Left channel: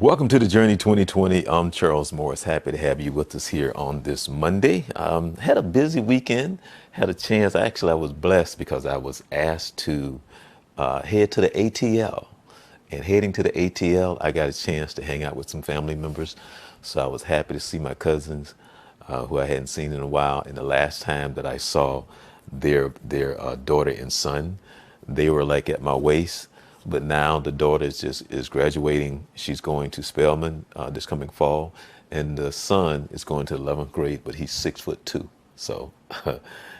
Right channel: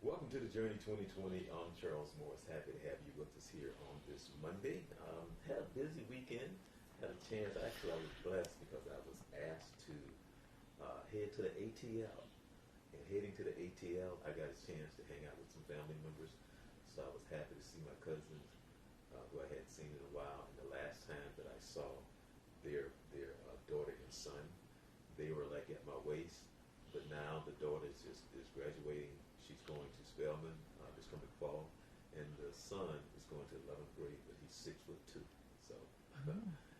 Welcome to the Journey 2020. I'm Charles Morris. Happy to have you with us here on this Monday. Had a busy weekend. Had a chance. Actually, I was blessed because I was asked to head to the ATL. And heading to the ATL, I got a chance to hang out with some family members. So I was happy to see my cousins, who I hadn't seen in a while. And the last time that I saw their daughter and son, they were like at my waist. But now the daughter is graduating. She's going to Spelman this coming fall, and the son is going to 11th grade, but he's 6'2". So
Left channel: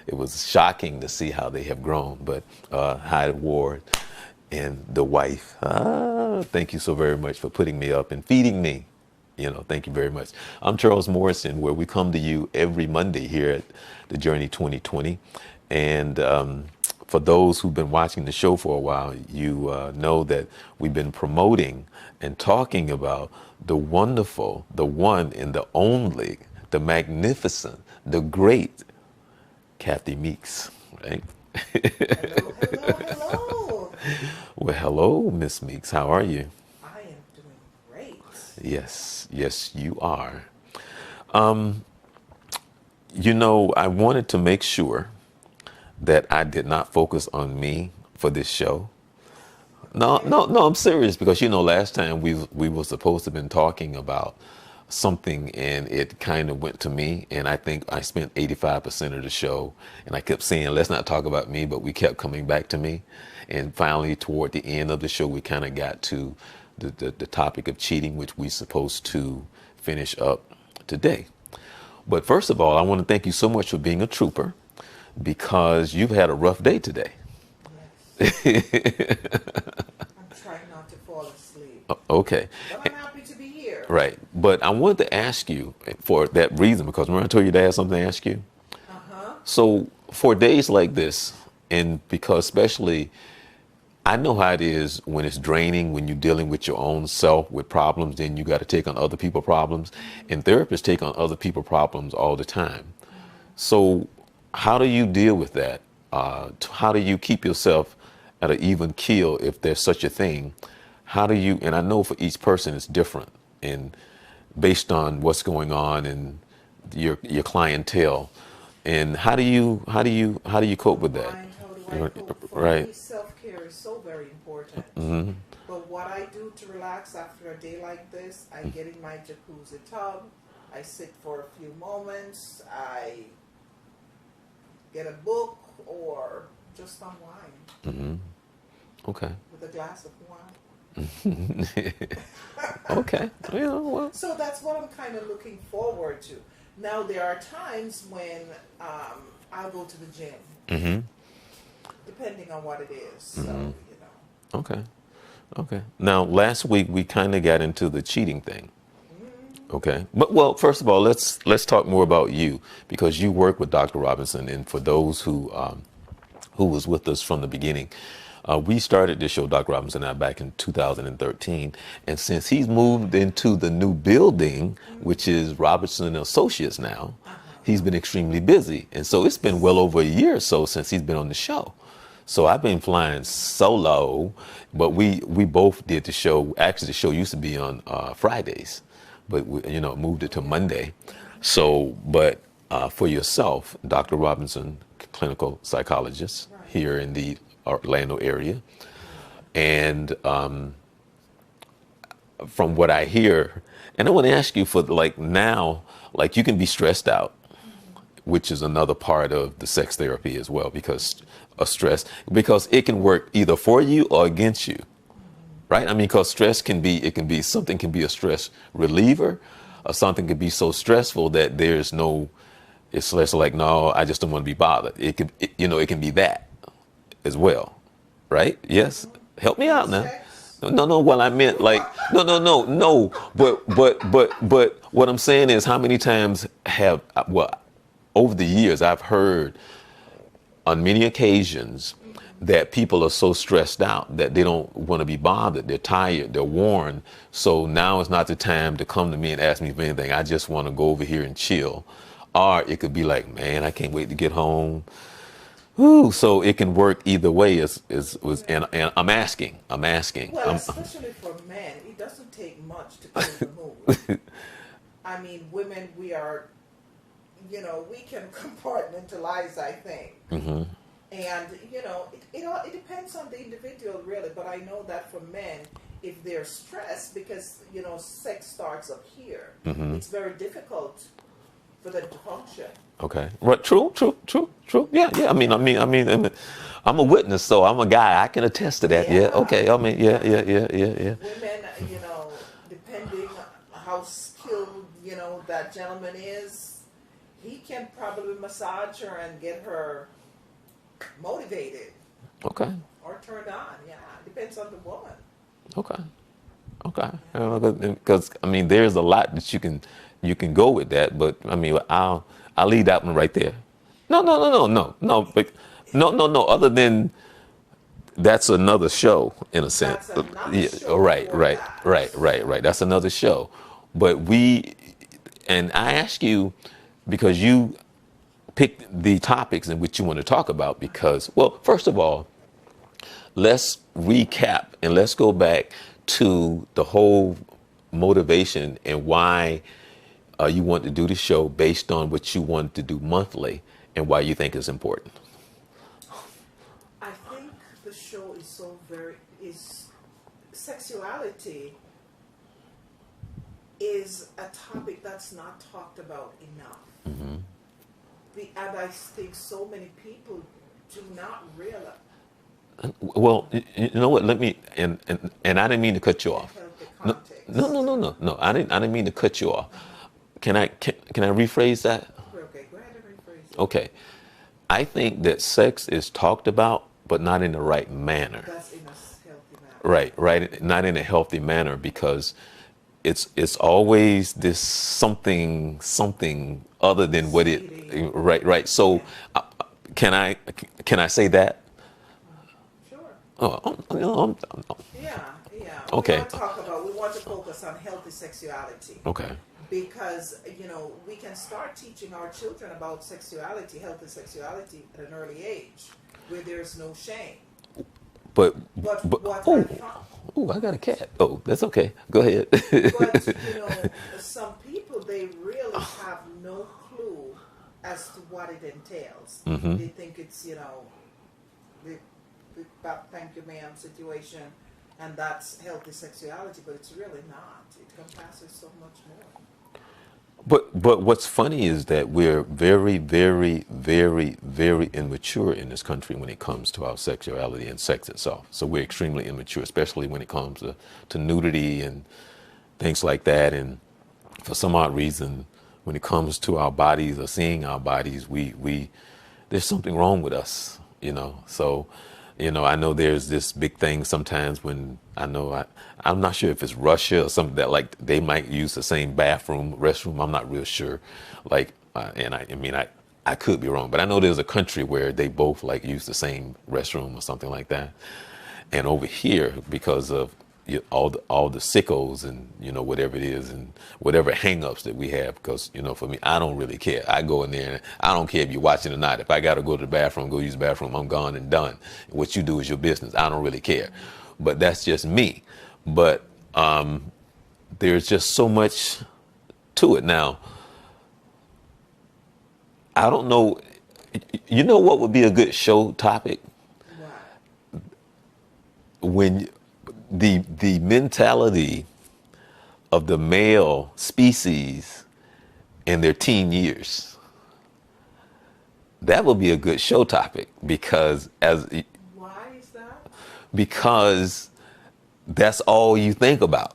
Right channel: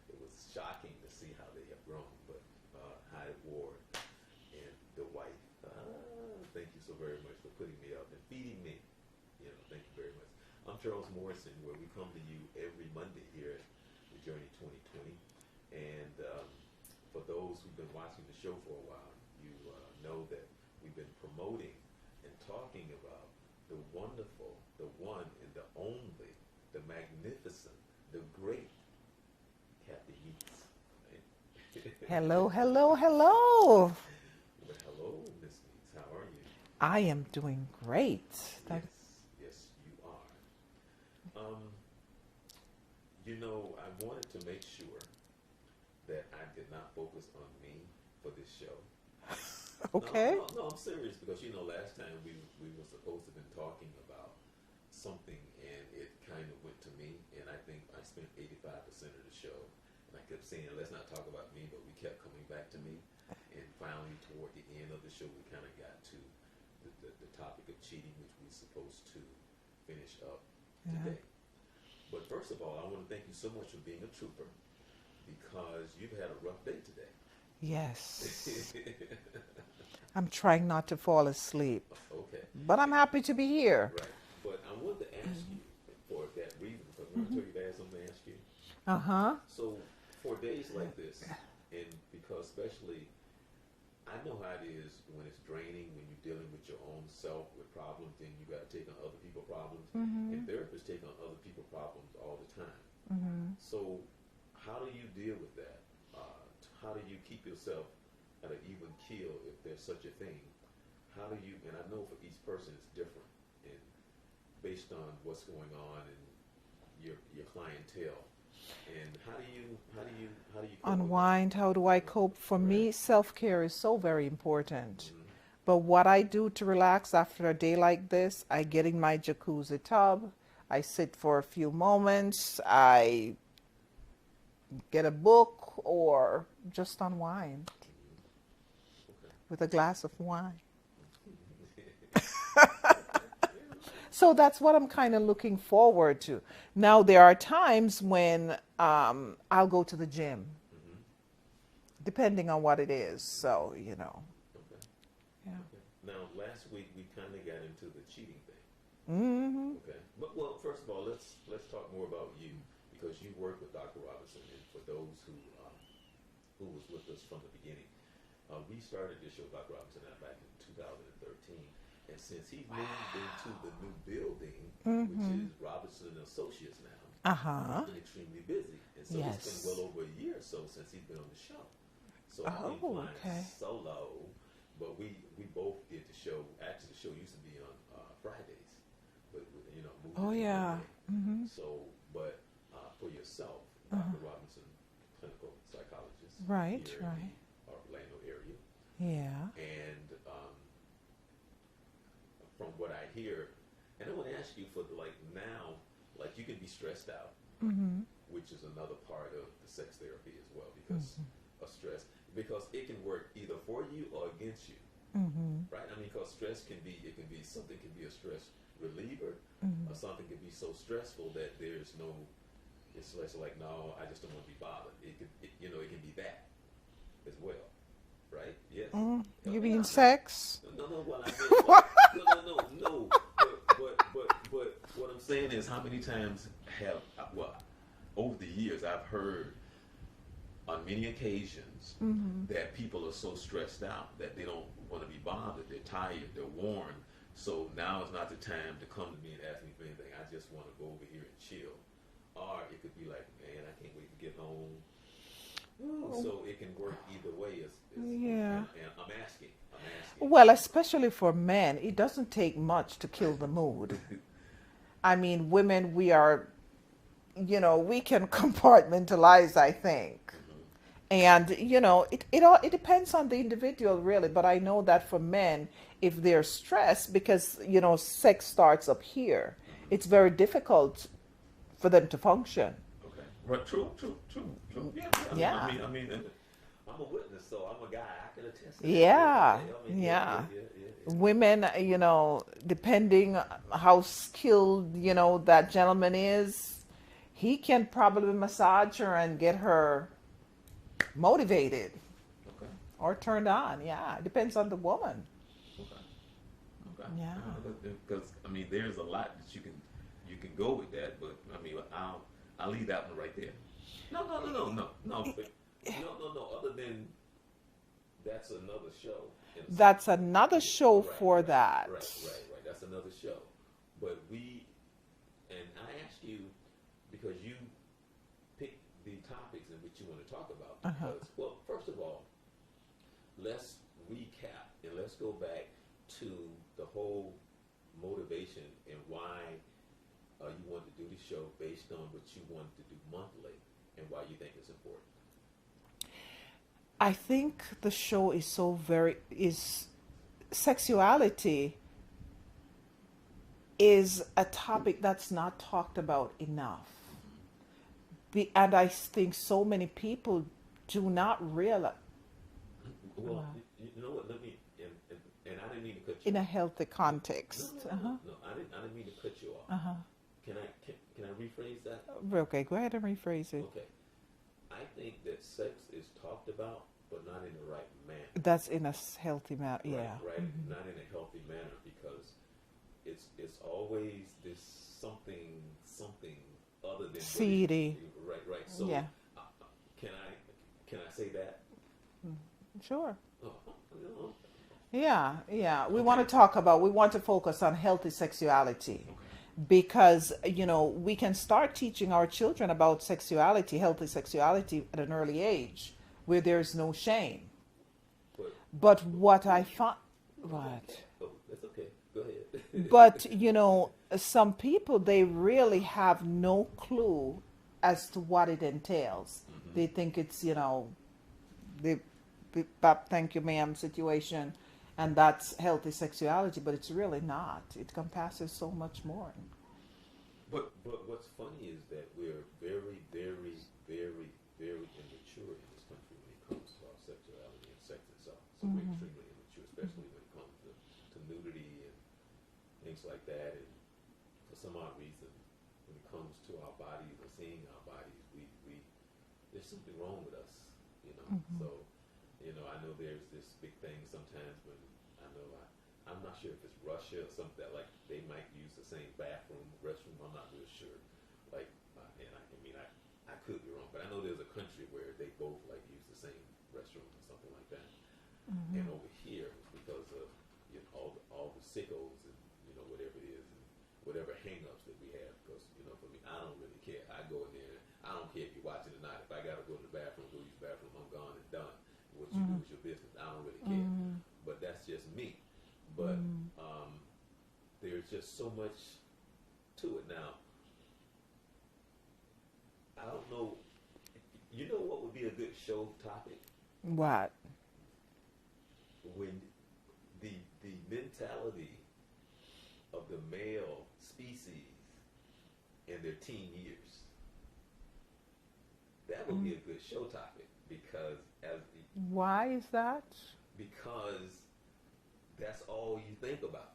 it was shocking to see how they have grown. But Hyde Ward and the wife, thank you so very much for putting me up and feeding me. Thank you very much. I'm Charles Morrison, where we come to you every Monday here at the Journey 2020, and for those who've been watching the show for a while, you know that we've been promoting and talking about the wonderful, the one and the only, the magnificent, the great Kathy Meeks, right? Hello, hello, hello. Well, hello, Miss Meeks. How are you? I am doing great. Yes, yes, you are. I wanted to make sure that I did not focus on me for this show. No, Okay. no, no, I'm serious because last time we were supposed to have been talking about something and it kind of went to me, and I think I spent 85% of the show, and I kept saying let's not talk about me, but we kept coming back to me, and finally toward the end of the show we kind of got to the topic of cheating, which we're supposed to finish up today. But first of all, I want to thank you so much for being a trooper, because you've had a rough day today. Yes. I'm trying not to fall asleep, Okay, but I'm happy to be here. right. But I wanted to ask you for that reason, because remember I told you to have something to ask you? Uh-huh. So for days like this, and because especially I know how it is when it's draining, when you're dealing with your own self with problems, then you got to take on other people's problems. And therapists take on other people's problems all the time. So how do you deal with that? How do you keep yourself at an even keel, if there's such a thing? How do you, and I know for each person it's different, and based on what's going on and your clientele, and how do you cope with that? Unwind, how do I cope? For Right. me, self-care is so very important. But what I do to relax after a day like this, I get in my jacuzzi tub, I sit for a few moments, I get a book or just unwind Okay. with a glass of wine. Okay. Yeah, well. So that's what I'm kind of looking forward to. Now, there are times when I'll go to the gym, depending on what it is. So, Okay. Okay. Now, last week we kind of got into the cheating thing. Okay. But well, first of all, let's talk more about you, because you work with Dr. Robinson, and for those who was with us from the beginning, we started this show, Dr. Robinson and I, back in 2013, and since he's moved into the new building, which is Robertson and Associates now, he's been extremely busy, and so it's been well over a year or so since he's been on the show. So I've been flying solo, but we both did the show. Actually, the show used to be on Fridays, but we, moved it to yeah. Monday. So, but for yourself, Dr. Robinson, clinical psychologist Right. here in the Orlando area, and from what I hear, and I want to ask you for now, you can be stressed out, which is another part of the sex therapy as well, because of stress, because it can work either for you or against you, right? I mean, because stress something can be a stress reliever, or something can be so stressful that it's less like, no, I just don't want to be bothered. It can be that as well, right? Yes. Help You me mean out now. sex? No, no. Well, I meant no. But what I'm saying is, how many times over the years, I've heard on many occasions that people are so stressed out that they don't want to be bothered. They're tired, they're worn. So now is not the time to come to me and ask me for anything. I just want to go over here and chill. Or it could be like, man, I can't wait to get home. Ooh, so it can work either way. Yeah. And I'm asking. Well, especially for men, it doesn't take much to kill the mood. I mean, women, we are, we can compartmentalize, I think. And, it depends on the individual, really. But I know that for men, if they're stressed, because, sex starts up here, it's very difficult for them to function. Okay. Right. True. True. True. True. Yeah. Yeah. Yeah. I'm a witness, so I'm a guy. I can attest to that. Yeah. Yeah. Okay. I mean, yeah. Yeah. Yeah. Yeah. Yeah. Yeah. Women, depending how skilled, that gentleman is, he can probably massage her and get her motivated Okay. or turned on. Yeah, depends on the woman. Okay. Okay. Yeah. Because I mean, there's a lot that you can go with that, but I mean, I'll leave that one right there. No. No. No. No. No. No. But no. No. No. Other than that's another show in a sense. That's another Yeah, show right, for right, that. right, right, right. That's another show. But and I ask you because you pick the topics in which you want to talk about because, well, first of all, let's recap and let's go back to the whole motivation and why you want to do the show based on what you want to do monthly and why you think it's important. I think the show is is sexuality is a topic that's not talked about enough. And I think so many people do not realize Well, you know what? Let me and I didn't mean to cut you in a off. healthy context. No. I didn't mean to cut you off. Can I rephrase that? Okay, go ahead and rephrase it. Okay. I think that sex is talked about, but not in the right manner. That's in a healthy manner. Right, right. Not in a healthy manner because it's always this something other than what it. Seedy. Right, right. So, Yeah. can I say that? Sure. Oh, Yeah, yeah. Okay. We want to focus on healthy sexuality okay. because, we can start teaching our children about sexuality, healthy sexuality at an early age where there's no shame. But But what I found, oh, I got a cat. Oh, that's okay. Go ahead. but, some people, they really have no clue as to what it entails. They think it's, the thank you ma'am situation and that's healthy sexuality, but it's really not. It encompasses so much more. But what's funny is that we're very, very, very, very immature in this country when it comes to our sexuality and sex itself. So we're extremely immature, especially when it comes to nudity and things like that. And for some odd reason, when it comes to our bodies or seeing our bodies, we there's something wrong with us, So, I know there's this big thing sometimes when I'm not sure if it's Russia or something that like they might use the same restroom. I'm not real sure. Like, and I could be wrong, but I know there's a country where they both like use the same restroom or something like that. And over here, because of all the sickos and whatever it is and whatever hangups that we have, because for me, I don't really care. I go in there and I don't care if you're watching or not. If I got to go to the bathroom, go use the bathroom, I'm gone and done. What you do is your business. I don't really care. But that's just me. But there's just so much to it now. I don't know. You know what would be a good show topic? What? When the mentality of the male species in their teen years. That would be a good show topic because Why is that? because that's all you think about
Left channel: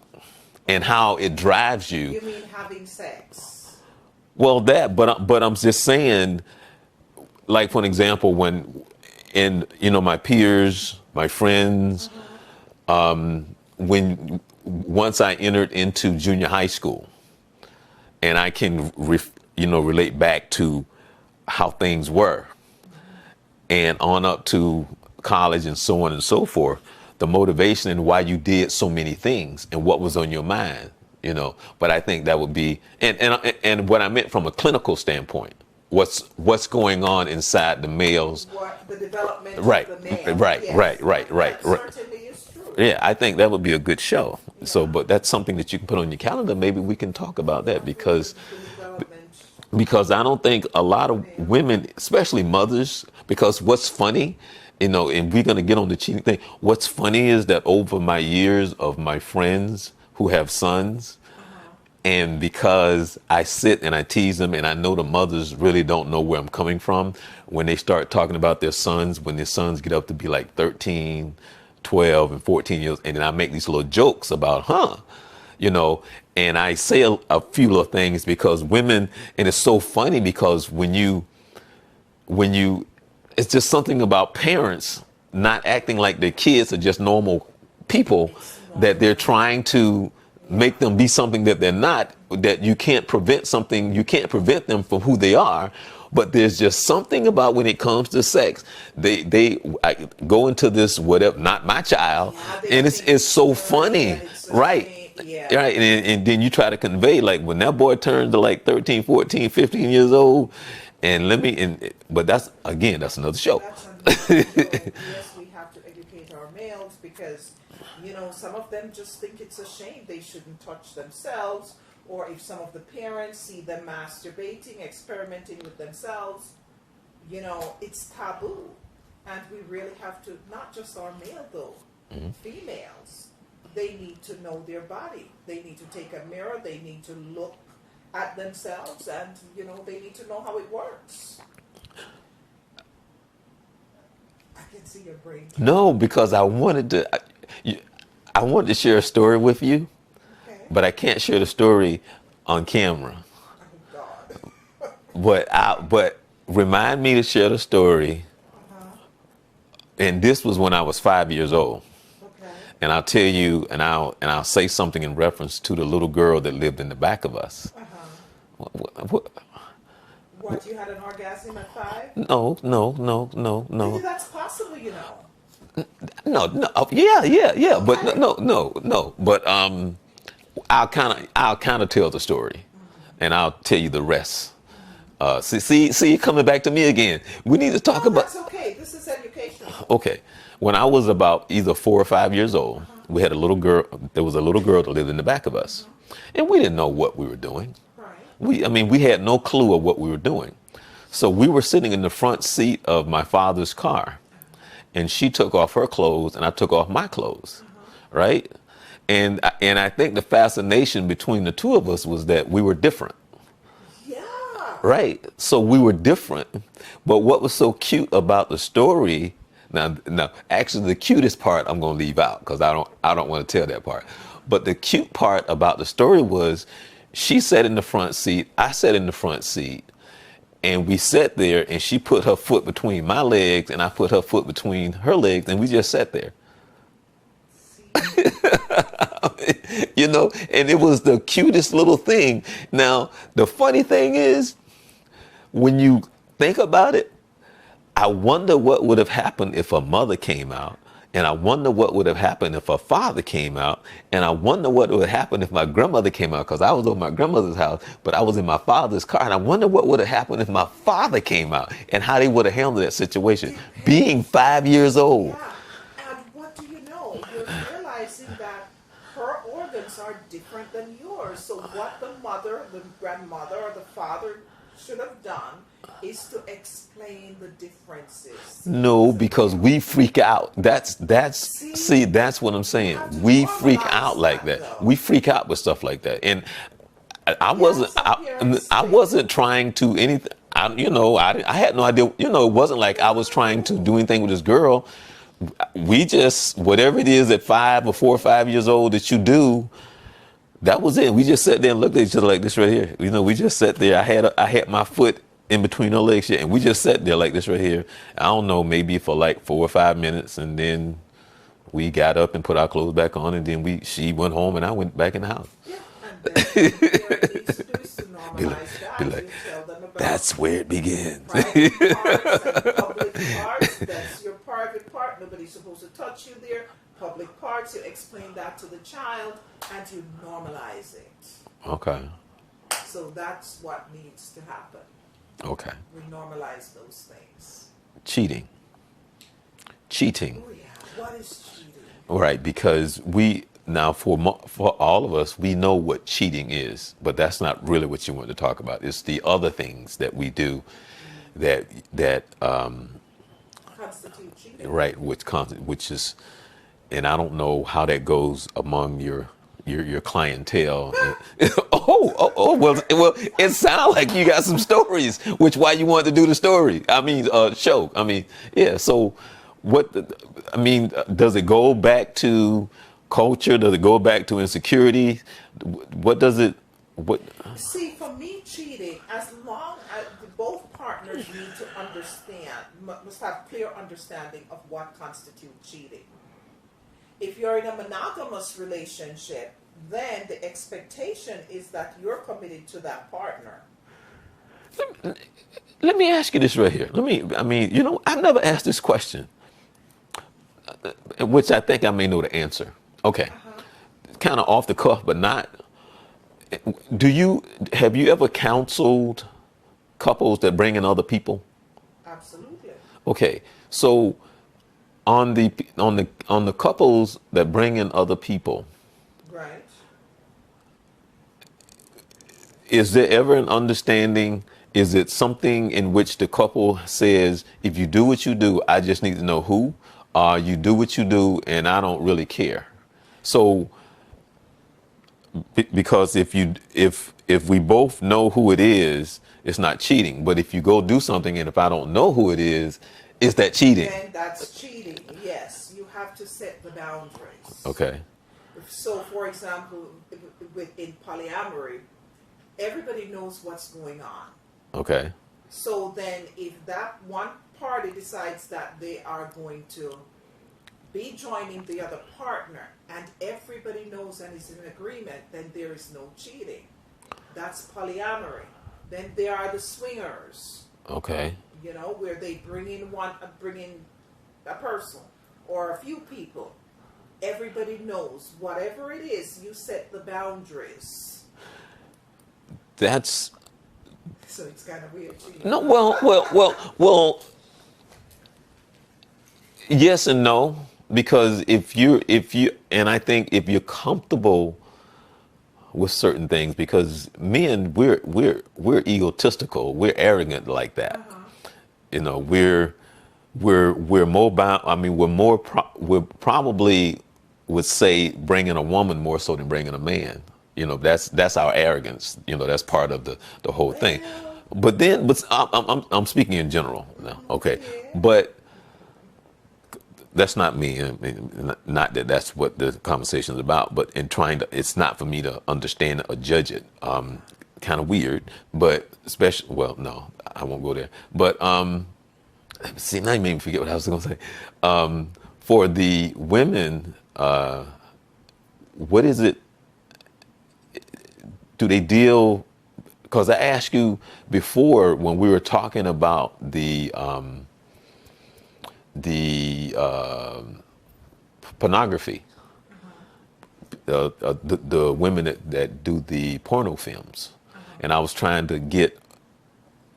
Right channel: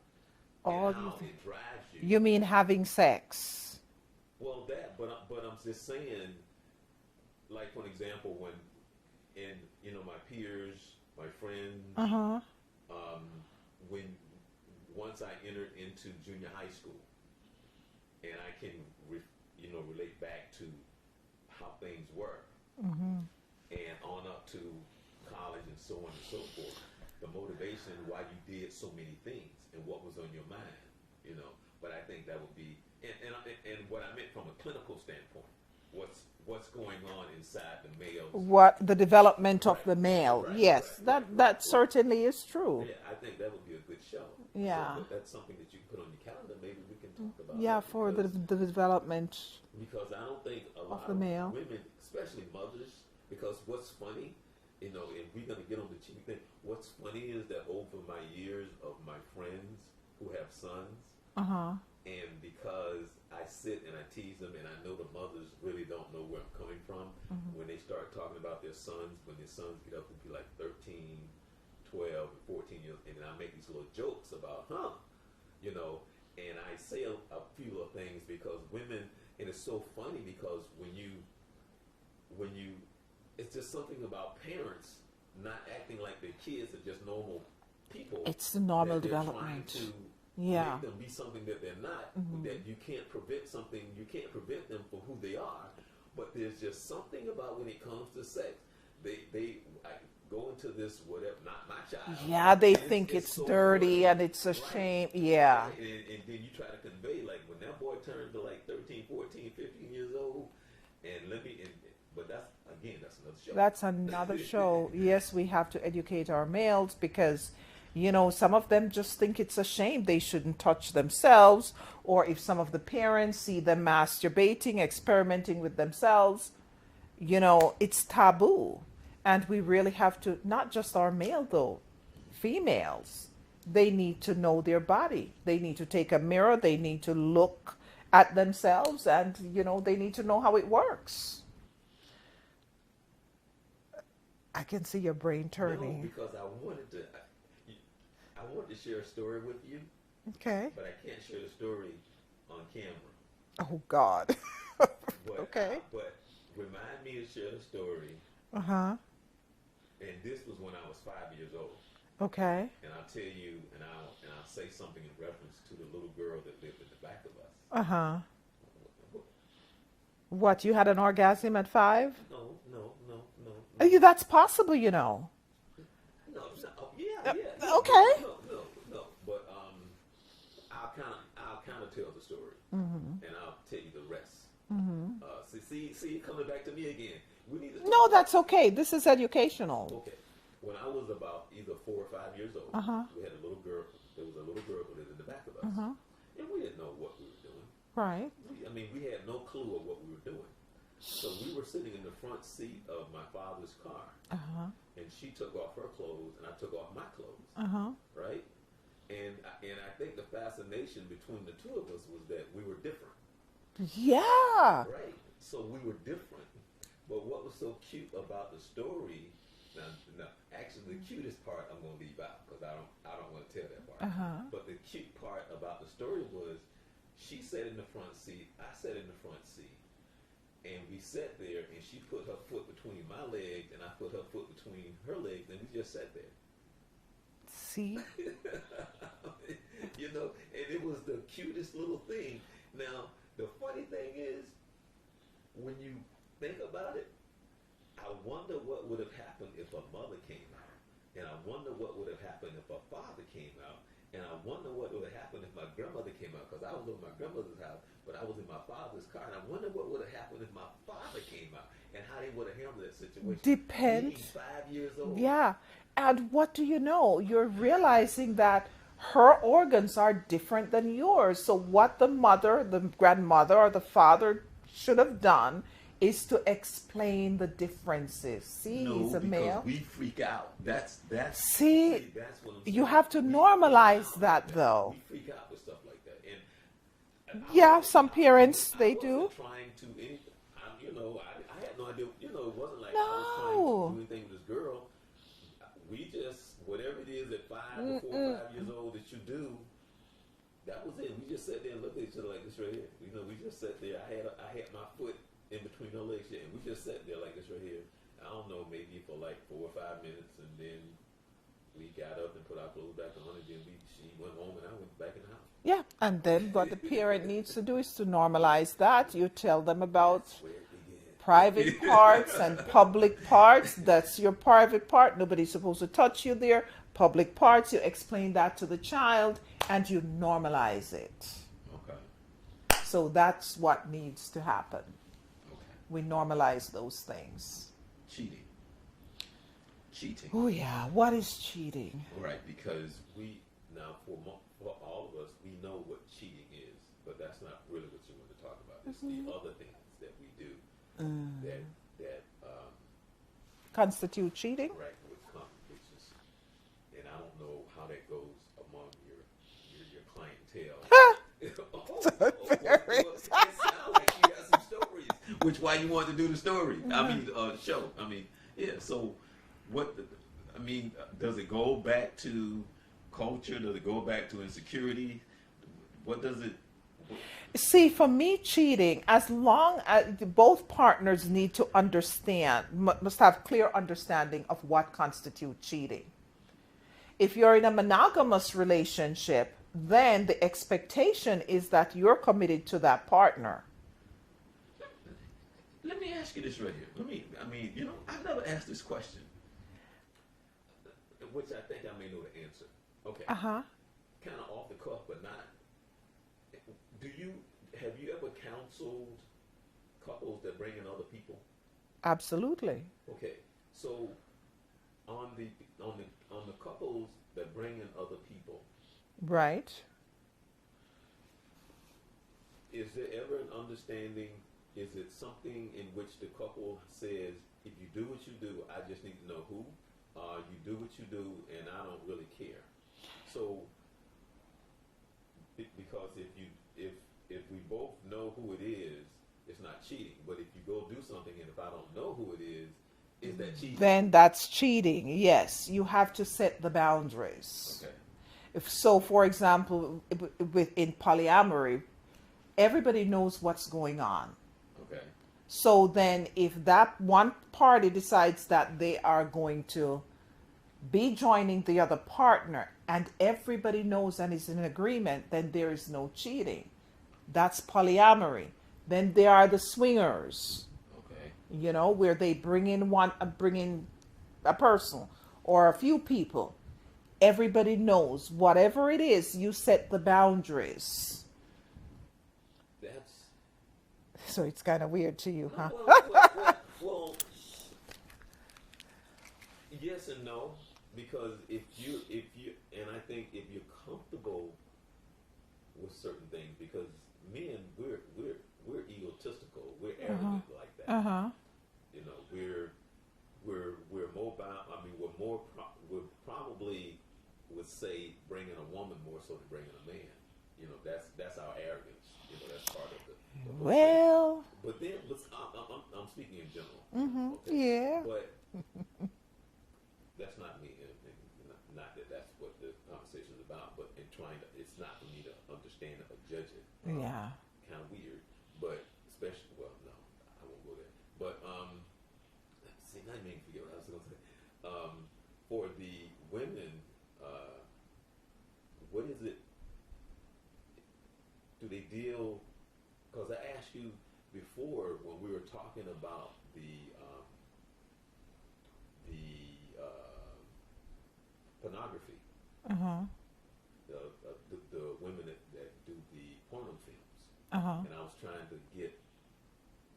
and how it drives you. You mean having sex? Well, but I'm just saying, like for an example, when in my peers, my friends, when once I entered into junior high school, and I can relate back to how things were, and on up to college and so on and so forth, the motivation and why you did so many things and what was on your mind, But I think that would be and what I meant from a clinical standpoint what's going on inside the males. What the development Right, of the male. right, Yes, that right. certainly is true. Yeah, I think that would be a good show. So, Yeah. but that's something that you can put on your calendar. Maybe we can talk about Yeah, that for the development. because I don't think a lot of Male. women, especially mothers, because what's funny, and we're going to get on the cheating thing. What's funny is that over my years of my friends who have sons, and because I sit and I tease them, and I know the mothers really don't know where I'm coming from when they start talking about their sons, when their sons get up to be like 13, 12, and 14 years, and then I make these little jokes about, and I say a few little things because women, and it's so funny because when you, it's just something about parents not acting like their kids are just normal people, It's normal, that they're yeah. trying to make them be something that they're not, that you can't prevent them from who they are. But there's just something about when it comes to sex, I go into this whatever, not my child, Yeah, they and think it's so dirty funny, and it's a right? shame. Yeah. Right, and then you try to convey, like, when that boy turns to like 13, 14, 15 years old, but that's another show. That's another show. Yes, we have to educate our males because, some of them just think it's a shame they shouldn't touch themselves, or if some of the parents see them masturbating, experimenting with themselves, it's taboo. And we really have to, not just our male though, females, they need to know their body. They need to take a mirror, they need to look at themselves, and they need to know how it works. I can see your brain turning. No, because I wanted to share a story with you, Okay. but I can't share the story on camera. Oh God. But remind me to share the story. And this was when I was 5 years old. Okay. And I'll tell you, and I'll say something in reference to the little girl that lived in the back of us. What, you had an orgasm at 5? No. That's possible, No, yeah. Okay. But no. But I'll kind of tell the story, and I'll tell you the rest. See, coming back to me again. We need to talk No, about. that's okay. This is educational. Okay, when I was about either 4 or 5 years old, we had a little girl. There was a little girl that lived in the back of us, and we didn't know what we were doing. Right. We had no clue of what we were doing. So we were sitting in the front seat of my father's car, and she took off her clothes, and I took off my clothes, right? And I think the fascination between the two of us was that we were different. Yeah. Right. So we were different. But what was so cute about the story, now actually the cutest part I'm going to leave out because I don't want to tell that part. But the cute part about the story was she sat in the front seat, I sat in the front seat, and we sat there, and she put her foot between my legs and I put her foot between her legs, and we just sat there. See? And it was the cutest little thing. Now, the funny thing is, when you think about it, I wonder what would have happened if a mother came out, and I wonder what would have happened if a father came out, and I wonder what would have happened if my grandmother came out, because I was over my grandmother's house, but I was in my father's car, and I wonder what would have happened if my father came out, and how they would have handled that situation, being 5 years old. Yeah. And what do you know? You're realizing that her organs are different than yours. So what the mother, the grandmother, or the father should have done is to explain the differences. See, No, because we freak out. That's that's what I'm saying. have to We freak normalize out like that, that. though. We freak out with stuff like that. And I Yeah, wasn't some parents, I they wasn't do. trying to anything. I had no idea. It wasn't like I was trying to do anything with this girl. We just, whatever it is at 5 or 4 or 5 years old that you do, that was it. We just sat there and looked at each other like this right here. We just sat there. I had my foot in between her legs, and we just sat there like this right here. I don't know, maybe for like 4 or 5 minutes, and then we got up and put our clothes back on, and then she went home, and I went back in the house. Yeah, and then what the parent needs to do is to normalize that. like, You tell them about That's where it begins. private parts and public parts. That's your private part. Nobody's supposed to touch you there. Public parts, you explain that to the child and you normalize it. Okay. So that's what needs to happen. Okay. We normalize those things. Cheating. Cheating. Oh yeah, what is cheating? Right, because we now for all of us, we know what cheating is, but that's not really what you want to talk about. It's the other things that we do that Constitute cheating? right, which is, and I don't know how that goes among your clientele. Well, it sounds like you got some stories, which why you wanted to do the story. I mean, show. I mean, yeah. So, I mean, does it go back to culture? Does it go back to insecurity? What does it? What? See, for me, cheating, as long as both partners need to understand, must have clear understanding of what constitutes cheating. If you're in a monogamous relationship, then the expectation is that you're committed to that partner. Let me ask you this right here. I mean, I've never asked this question, which I think I may know the answer. Okay. Kind of off the cuff, but not. Have you ever counseled couples that bring in other people? Absolutely. Okay. So on the couples that bring in other people, Right. is there ever an understanding? Is it something in which the couple says, if you do what you do, I just need to know who? You do what you do, and I don't really care. So, because if we both know who it is, it's not cheating. But if you go do something, and if I don't know who it is that cheating? Then that's cheating. Yes, you have to set the boundaries. Okay. So, for example, in polyamory, everybody knows what's going on. Okay. So then, if that one party decides that they are going to be joining the other partner, and everybody knows and is in agreement, then there is no cheating. That's polyamory. Then there are the swingers. Okay. Where they bring in a person or a few people. Everybody knows whatever it is, you set the boundaries. That's So it's kind of weird to you. no. Huh? Well. Yes and no, because if you, and I think if you're comfortable with certain things, because men, we're egotistical, we're arrogant like that. We're mobile. I mean, we're probably would say bringing a woman more so than bringing a man. That's our arrogance. That's part of the whole thing. But I'm speaking in general now. Okay, Yeah. but that's not me. I mean, not that that's what the conversation is about, but it's not for me to understand or judge it. Kind of weird, but no, I won't go there. But see, now you made me forget what I was going to say. For the women, what is it? Do they deal? Because I asked you before when we were talking about the pornography, the women that do the porno films, and I was trying to get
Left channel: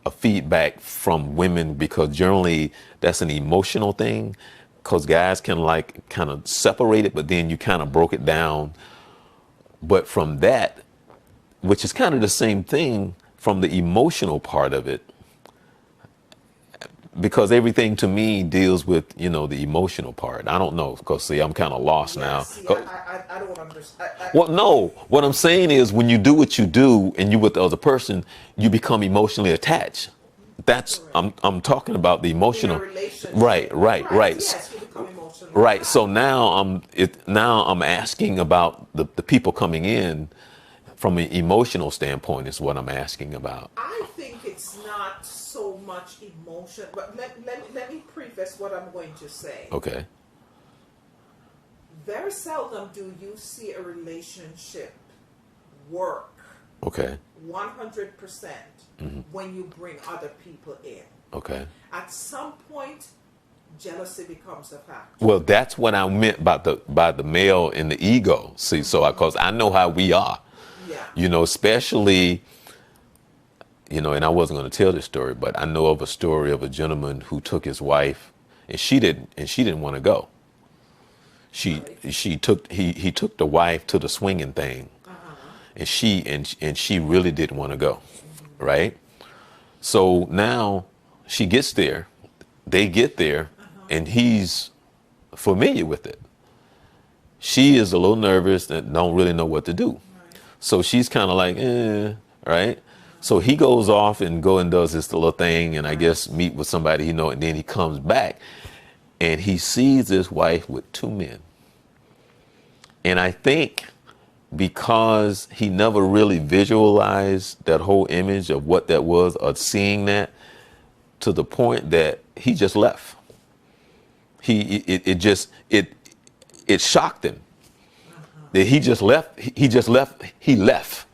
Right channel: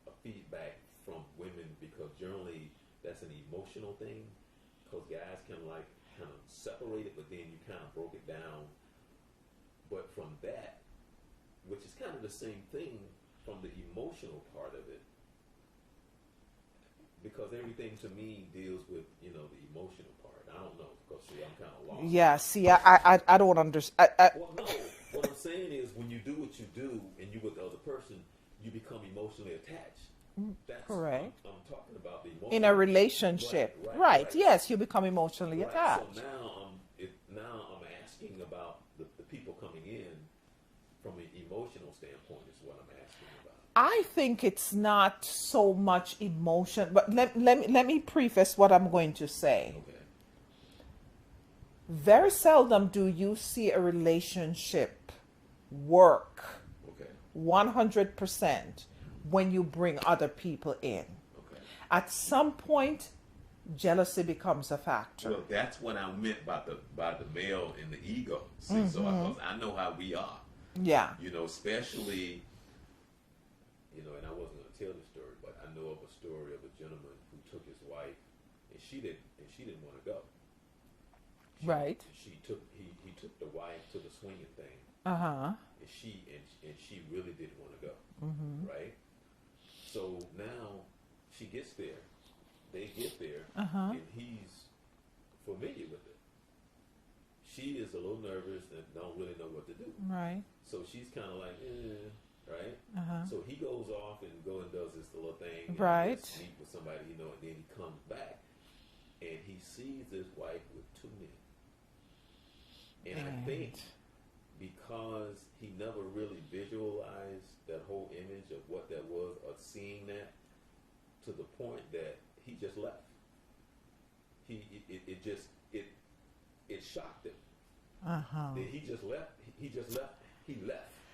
a feedback from women because generally that's an emotional thing, because guys can kind of separate it, but then you kind of broke it down. But from that, which is kind of the same thing from the emotional part of it, because everything to me deals with, the emotional part. I don't know, because see, I'm kind of lost now. See, I don't understand. Well, no, what I'm saying is when you do what you do and you with the other person, you become emotionally attached. That's, Correct. I'm talking about the In emotional. a relationship. Right. Yes, you become emotionally Right. attached. So now I'm asking about the people coming in from an emotional standpoint is what I'm asking about. I think it's not so much emotion, but let me preface what I'm going to say. Okay. Very seldom do you see a relationship work Okay. 100% when you bring other people in. Okay. At some point, jealousy becomes a factor. Well, that's what I meant by the male and the ego. See, so because I know how we are. Yeah. Especially you know, and I wasn't going to tell this story, but I know of a story of a gentleman who took his wife, and she didn't want to go. Right. She took he took the wife to the swinging thing, Uh-huh. and she really didn't want to go, right? So now she gets there, they get there, and he's familiar with it. She is a little nervous and don't really know what to do. Right. So she's kind of like, right? So he goes off and does this little thing, and I Right. guess meet with somebody he know, and then he comes back, and he sees his wife with two men. And I think because he never really visualized that whole image of what that was, or seeing that, to the point that he just left. It shocked him that he just left. He left.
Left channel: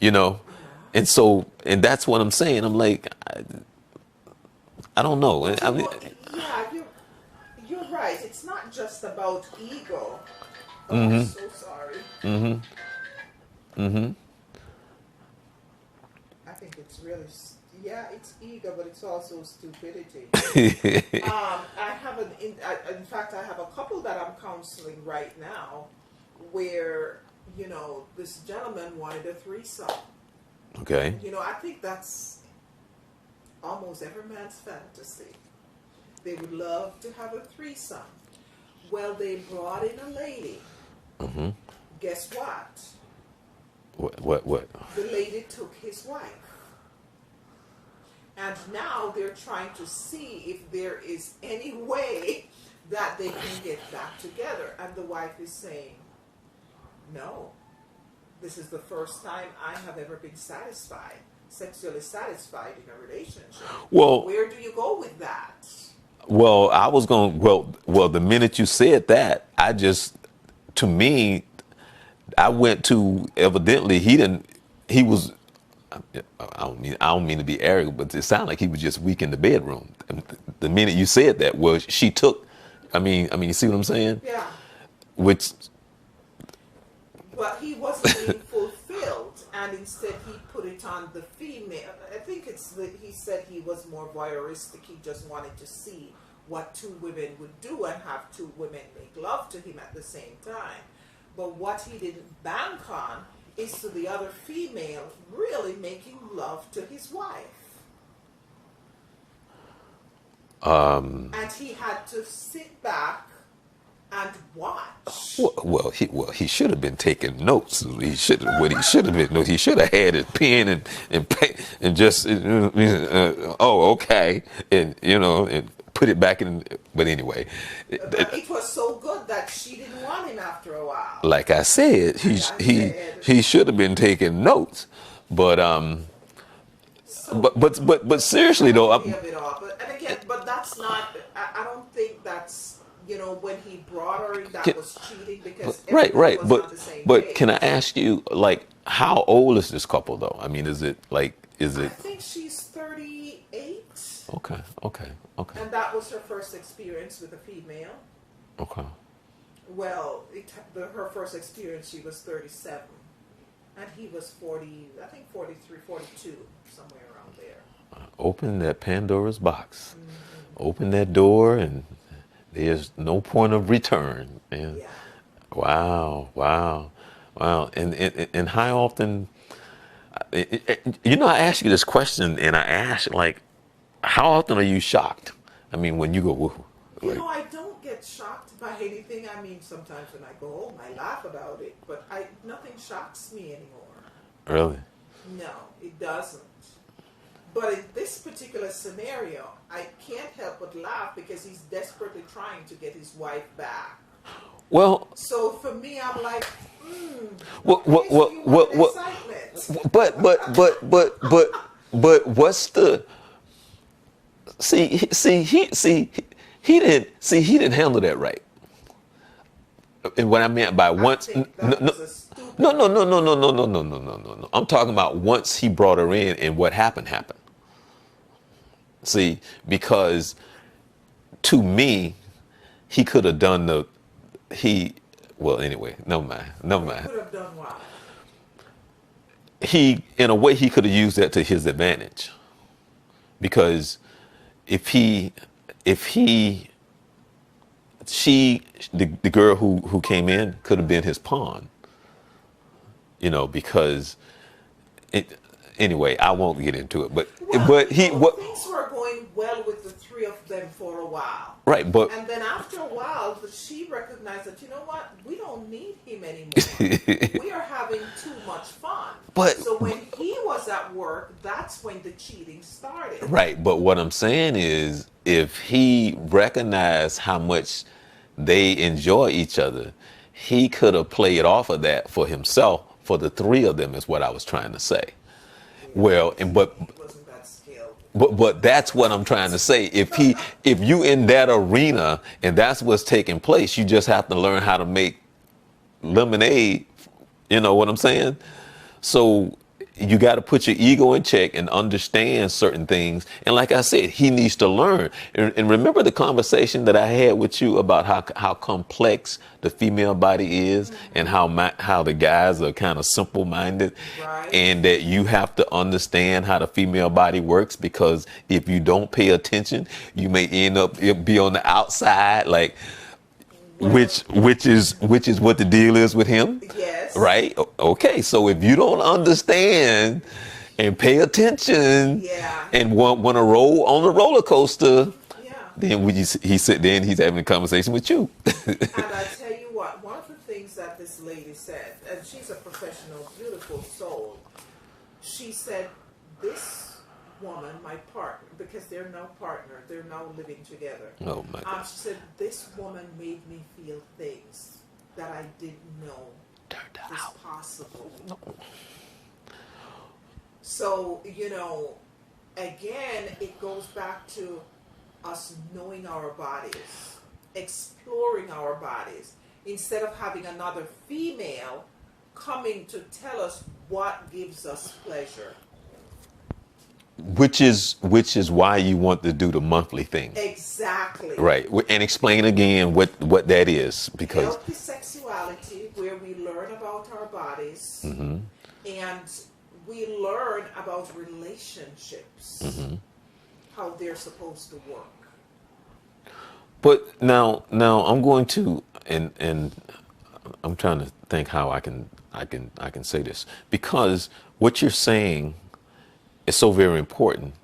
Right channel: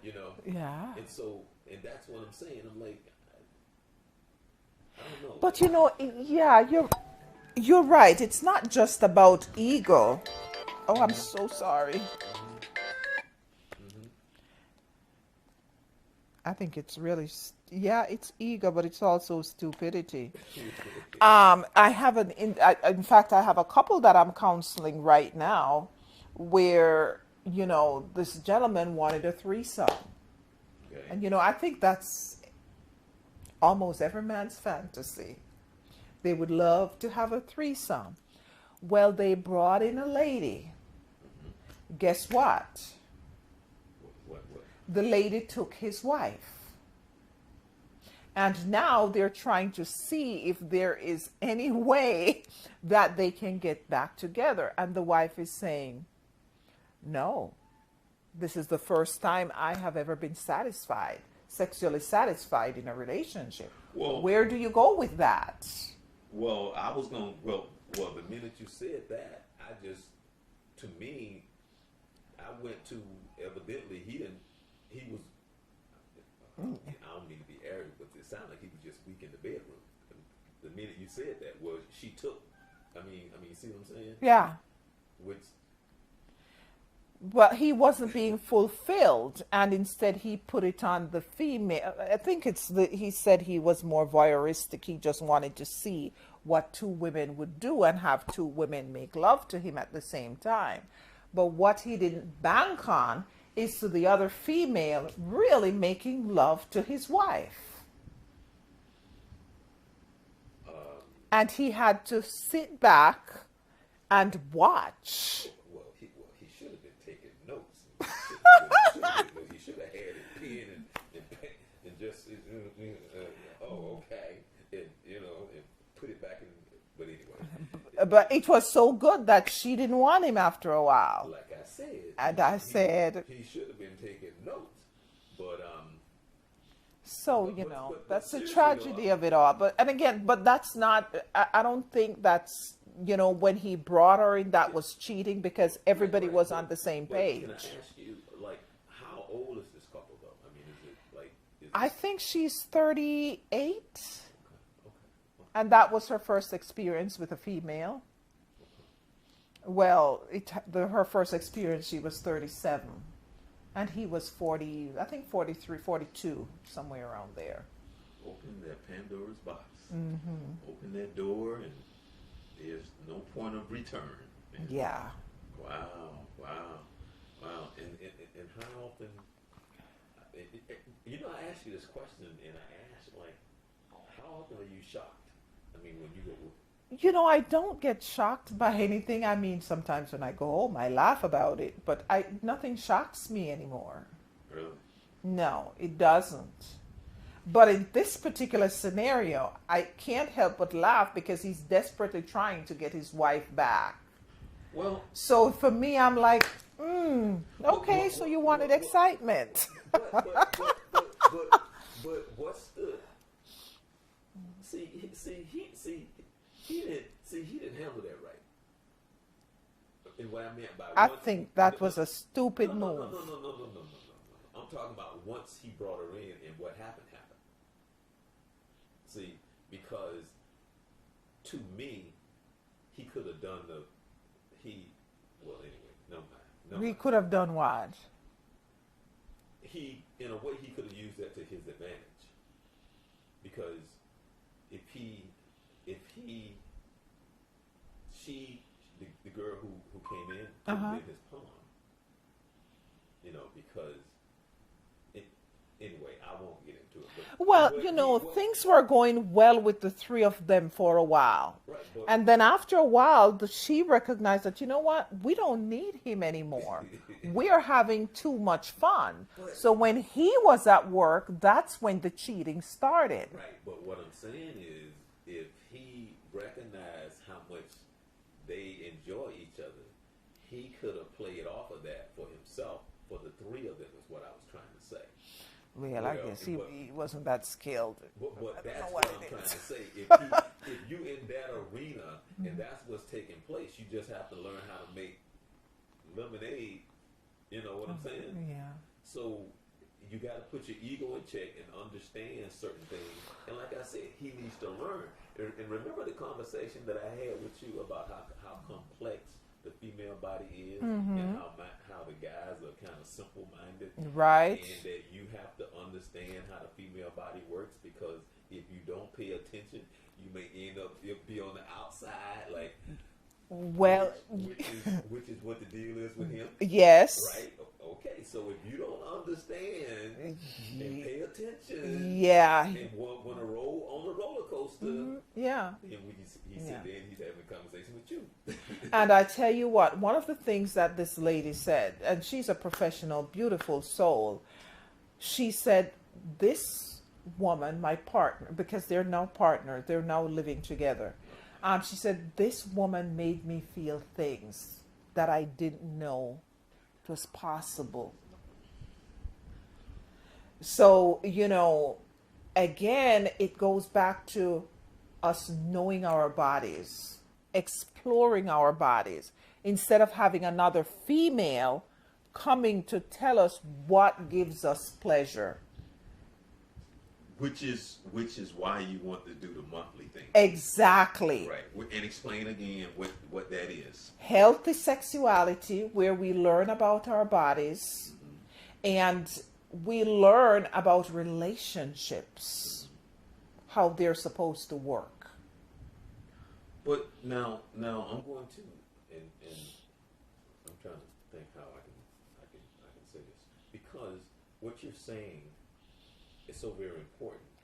You know, Yeah. and so, and that's what I'm saying. I'm like, I don't know. But you know, yeah, you're right. It's not just about ego. Oh, I'm so sorry. I think it's really, yeah, it's ego, but it's also stupidity. I have in fact, I have a couple that I'm counseling right now where, you know, this gentleman wanted a threesome. Okay. And, you know, I think that's almost every man's fantasy. They would love to have a threesome. Well, they brought in a lady. Guess what? What? The lady took his wife. And now they're trying to see if there is any way that they can get back together. And the wife is saying, no, this is the first time I have ever been satisfied, sexually satisfied in a relationship. Well, Where do you go with that? well, I was going. Well, the minute you said that, to me, I went to, evidently he didn't. He was. I don't mean to be arrogant, but it sounded like he was just weak in the bedroom. And the minute you said that, well, she took. I mean, you see what I'm saying? Yeah. Which, But he wasn't being fulfilled, and instead he put it on the female. I think he said he was more voyeuristic. He just wanted to see what two women would do and have two women make love to him at the same time. But what he didn't bank on is to the other female really making love to his wife. And he had to sit back and watch. he should have been taking notes. He should have had his pen and just okay, and and put it back in. But anyway, But it was so good that she didn't want him after a while. like I said, he should have been taking notes. But So, but seriously though, tragedy of it all. But that's not. I don't think that's, when he brought her in, that was cheating, because everybody was on the same but page. can I ask you, like, how old is this couple though? I mean, is it? I think she's 38. Okay. And that was her first experience with a female. Okay. Well, her first experience, she was 37. And he was 40, I think 43, 42, somewhere around there. Open that Pandora's box. Open that door, and there's no point of return. And Yeah. wow. And how often? I ask you this question, and I ask, like, how often are you shocked? I mean, when you go, whoa. I don't get shocked by anything. I mean, sometimes when I go home, I laugh about it, but nothing shocks me anymore. Really? No, it doesn't. But in this particular scenario, I can't help but laugh because he's desperately trying to get his wife back. Well, so for me, I'm like, okay, so you wanted excitement. But what's the? He didn't handle that right. And what I meant by once, I think that was a stupid. No. I'm talking about once he brought her in, and what happened. See, because to me, he could have done well, anyway, never mind. He could have done what? he, in a way, he could have used that to his advantage, because if he, if he, she, the girl who came in could have been his pawn, because it. Anyway, I won't get into it, Well, but he what things were going well with the three of them for a while. right, but And then after a while, she recognized that, you know what, we don't need him anymore. We are having too much fun. But- so when he was at work, that's when the cheating started. right, but what I'm saying is, if he recognized how much they enjoy each other, he could have played off of that for himself, for the three of them, is what I was trying to say. Yeah, Well, he wasn't that skilled. But that's what I'm trying to say. If you in that arena and that's what's taking place, you just have to learn how to make lemonade. You know what I'm saying? So you got to put your ego in check and understand certain things. And like I said, he needs to learn. And remember the conversation that I had with you about how complex the female body is, and how the guys are kind of simple-minded. Right. And that you have to understand how the female body works, because if you don't pay attention, you may end up be on the outside, like, Well, which is what the deal is with him. Yes. Right? Okay, so if you don't understand and pay attention, Yeah. and want to roll on the roller coaster, Yeah. then then he's having a conversation with you. And I tell you what, one of the things that this lady said, and she's a professional, beautiful soul, she said, this woman, my partner, because they're now partnered, they're now living together. Oh my God. She said, this woman made me feel things that I didn't know was possible. So, again, it goes back to us knowing our bodies, exploring our bodies, instead of having another female coming to tell us what gives us pleasure. Which is why you want to do the monthly thing. Exactly. Right. And explain again what that is. Because Healthy sexuality, where we learn about our bodies, and we learn about relationships, how they're supposed to work. But now I'm going to, and I'm trying to think how I can say this, because what you're saying is so very important,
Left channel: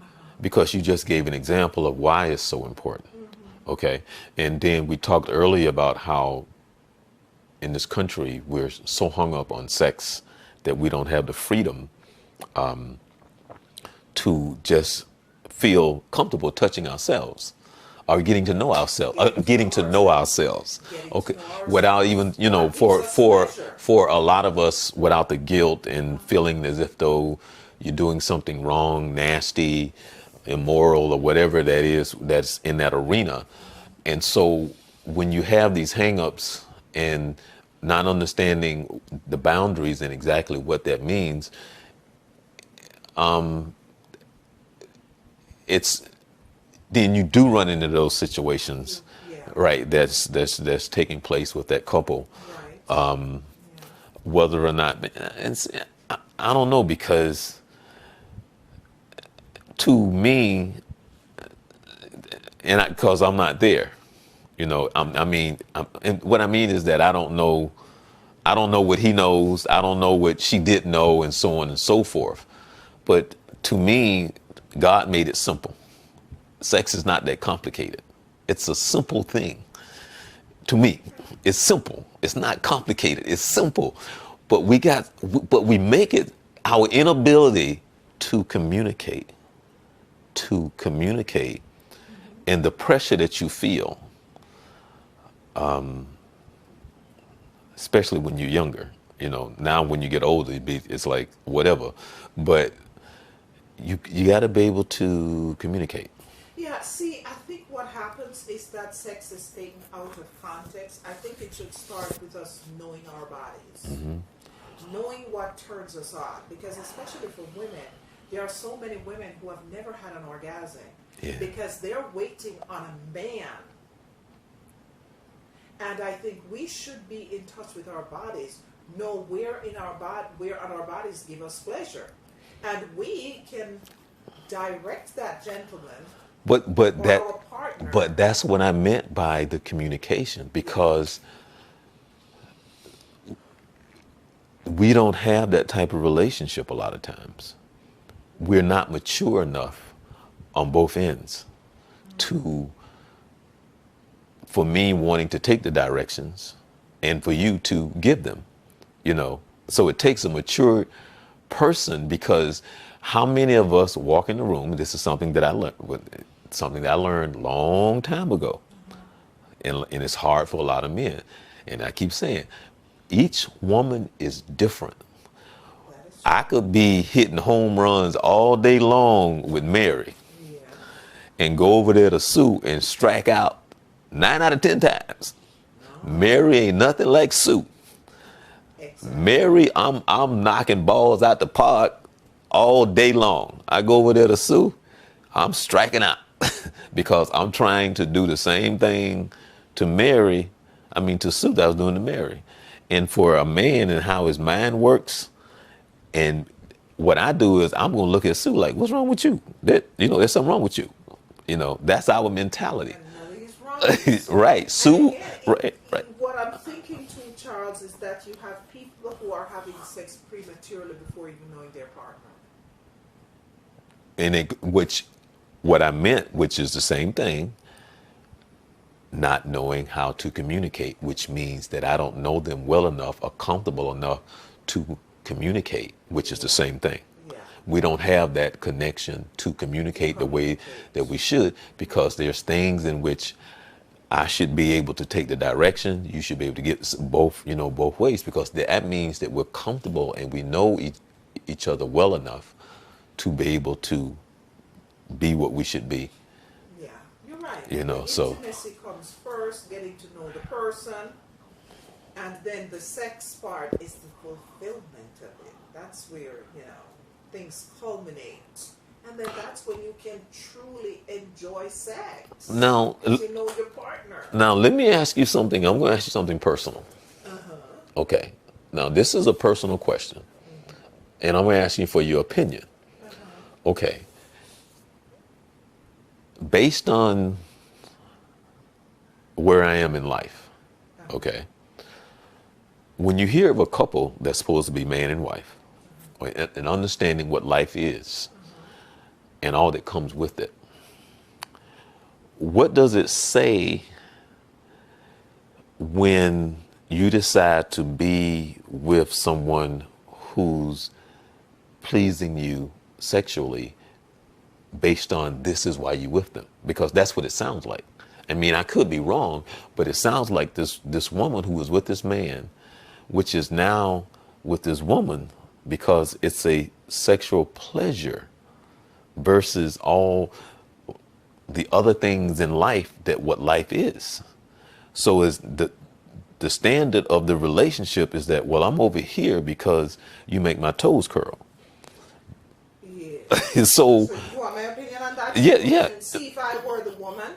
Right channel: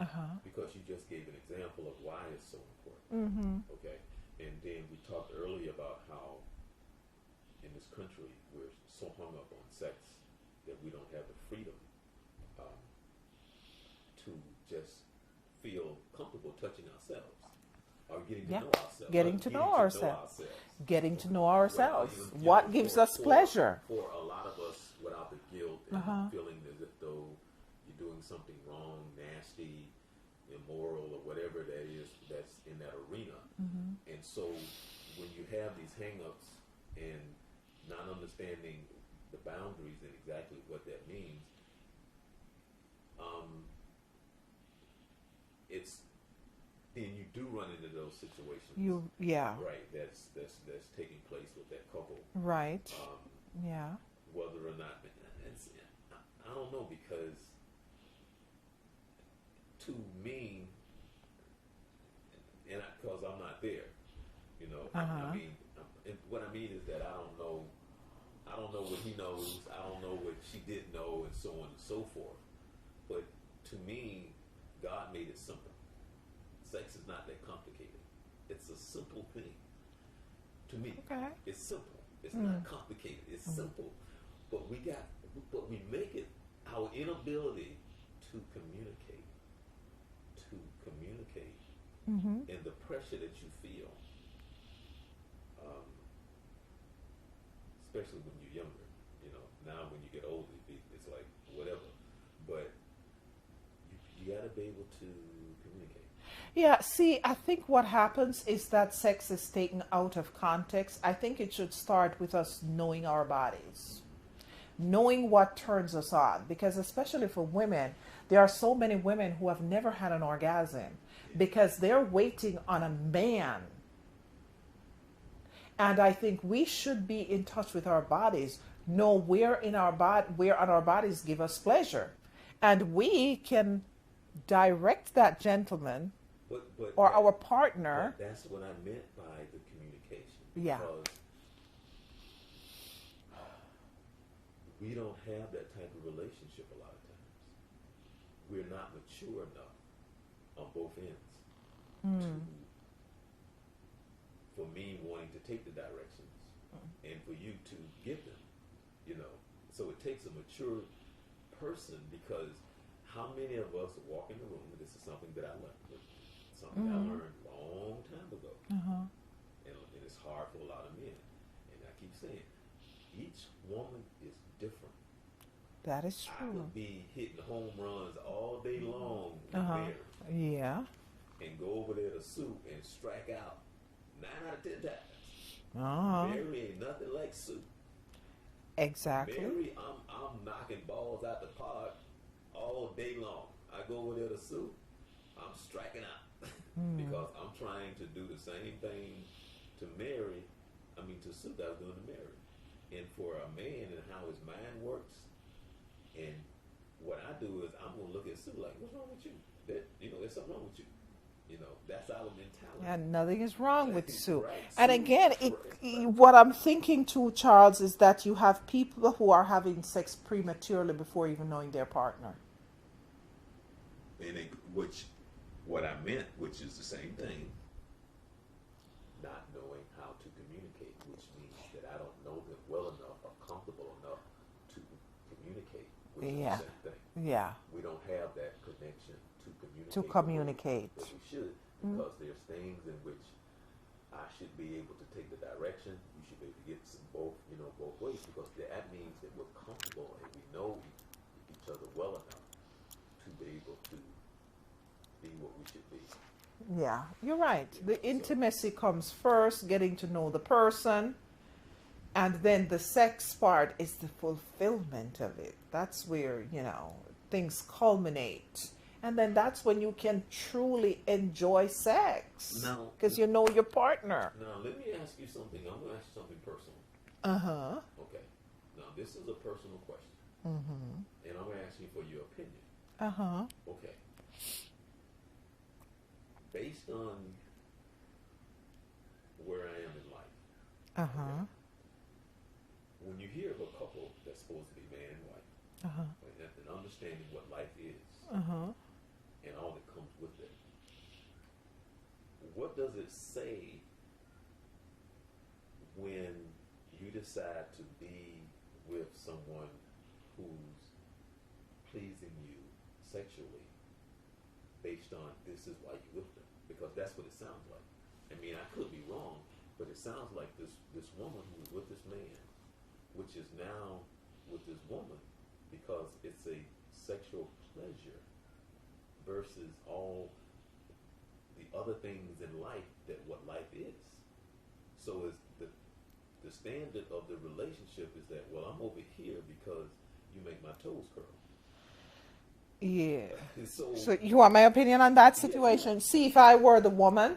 because you just gave an example of why it's so important. Okay, and then we talked earlier about how in this country we're so hung up on sex that we don't have the freedom to just feel comfortable touching ourselves, or getting to know ourselves, getting to know ourselves. Without even, for a lot of us, without the guilt and feeling as if though you're doing something wrong, nasty, immoral, or whatever that is that's in that arena. And so when you have these hang-ups and not understanding the boundaries and exactly what that means, then you do run into those situations, right? That's taking place with that couple, Right. Whether or not, I don't know, because to me, and because I'm not there, and what I mean is that I don't know what he knows, I don't know what she didn't know, and so on and so forth. But to me, God made it simple. Sex is not that complicated. It's a simple thing. To me, it's simple. It's not complicated. It's simple. But we make it our inability to communicate, and the pressure that you feel, especially when you're younger. Now when you get older, it's like whatever. But you got to be able to communicate. Yeah, see, I think what happens is that sex is taken out of context. I think it should start with us knowing our bodies, knowing what turns us on. Because especially for women, there are so many women who have never had an orgasm because they're waiting on a man. And I think we should be in touch with our bodies, know where on our bodies give us pleasure, and we can direct that gentleman But or our partner. that's what I meant by the communication, Yeah. because we don't have that type of relationship a lot of times. We're not mature enough on both ends to, for me wanting to take the directions and for you to give them, you know. So it takes a mature person, because how many of us walk in the room, this is something that I learned, something that I learned long time ago, and it's hard for a lot of men. And I keep saying, each woman is different. That is I true. could be hitting home runs all day long with Mary Yeah. and go over there to Sue and strike out 9 out of 10 times. Oh, Mary ain't nothing like Sue. exactly. Mary, I'm knocking balls out the park all day long. I go over there to Sue, I'm striking out because I'm trying to do the same thing to Mary, to Sue, that I was doing to Mary. And for a man and how his mind works, and what I do is I'm gonna look at Sue like, what's wrong with you? There's something wrong with you. That's our mentality. And nothing is wrong with Sue. Right, And Sue. again, Right. what I'm thinking too, Charles, is that you have people who are having sex prematurely before even knowing their partner. And what I meant, which is the same thing, not knowing how to communicate, which means that I don't know them well enough or comfortable enough to communicate, which is the Yeah. same thing. Yeah. We don't have that connection to communicate the way communicate. that we should, because there's things in which I should be able to take the direction. You should be able to get both, both ways, because that means that we're comfortable and we know each other well enough to be able to be what we should be. Yeah, you're right. The The so intimacy comes first, getting to know the person, and then the sex part is the fulfillment of it. That's where, things culminate. And then that's when you can truly enjoy sex. now, Because you know your partner. now let me ask you something. I'm going to ask you something personal. Okay. Now, this is a personal question, and I'm going to ask you for your opinion. Okay. Based on where I am in life, okay, when you hear of a couple that's supposed to be man and wife, and understanding what life is and all that comes with it, what does it say when you decide to be with someone who's pleasing you sexually based on this is why you with them? Because that's what it sounds like. I could be wrong, but it sounds like this woman who was with this man, which is now with this woman because it's a sexual pleasure versus all the other things in life that what life is. So is the standard of the relationship is that, well, I'm over here because you make my toes curl. Yeah. So So you want my opinion on that Yeah, situation? yeah. See, if I were the woman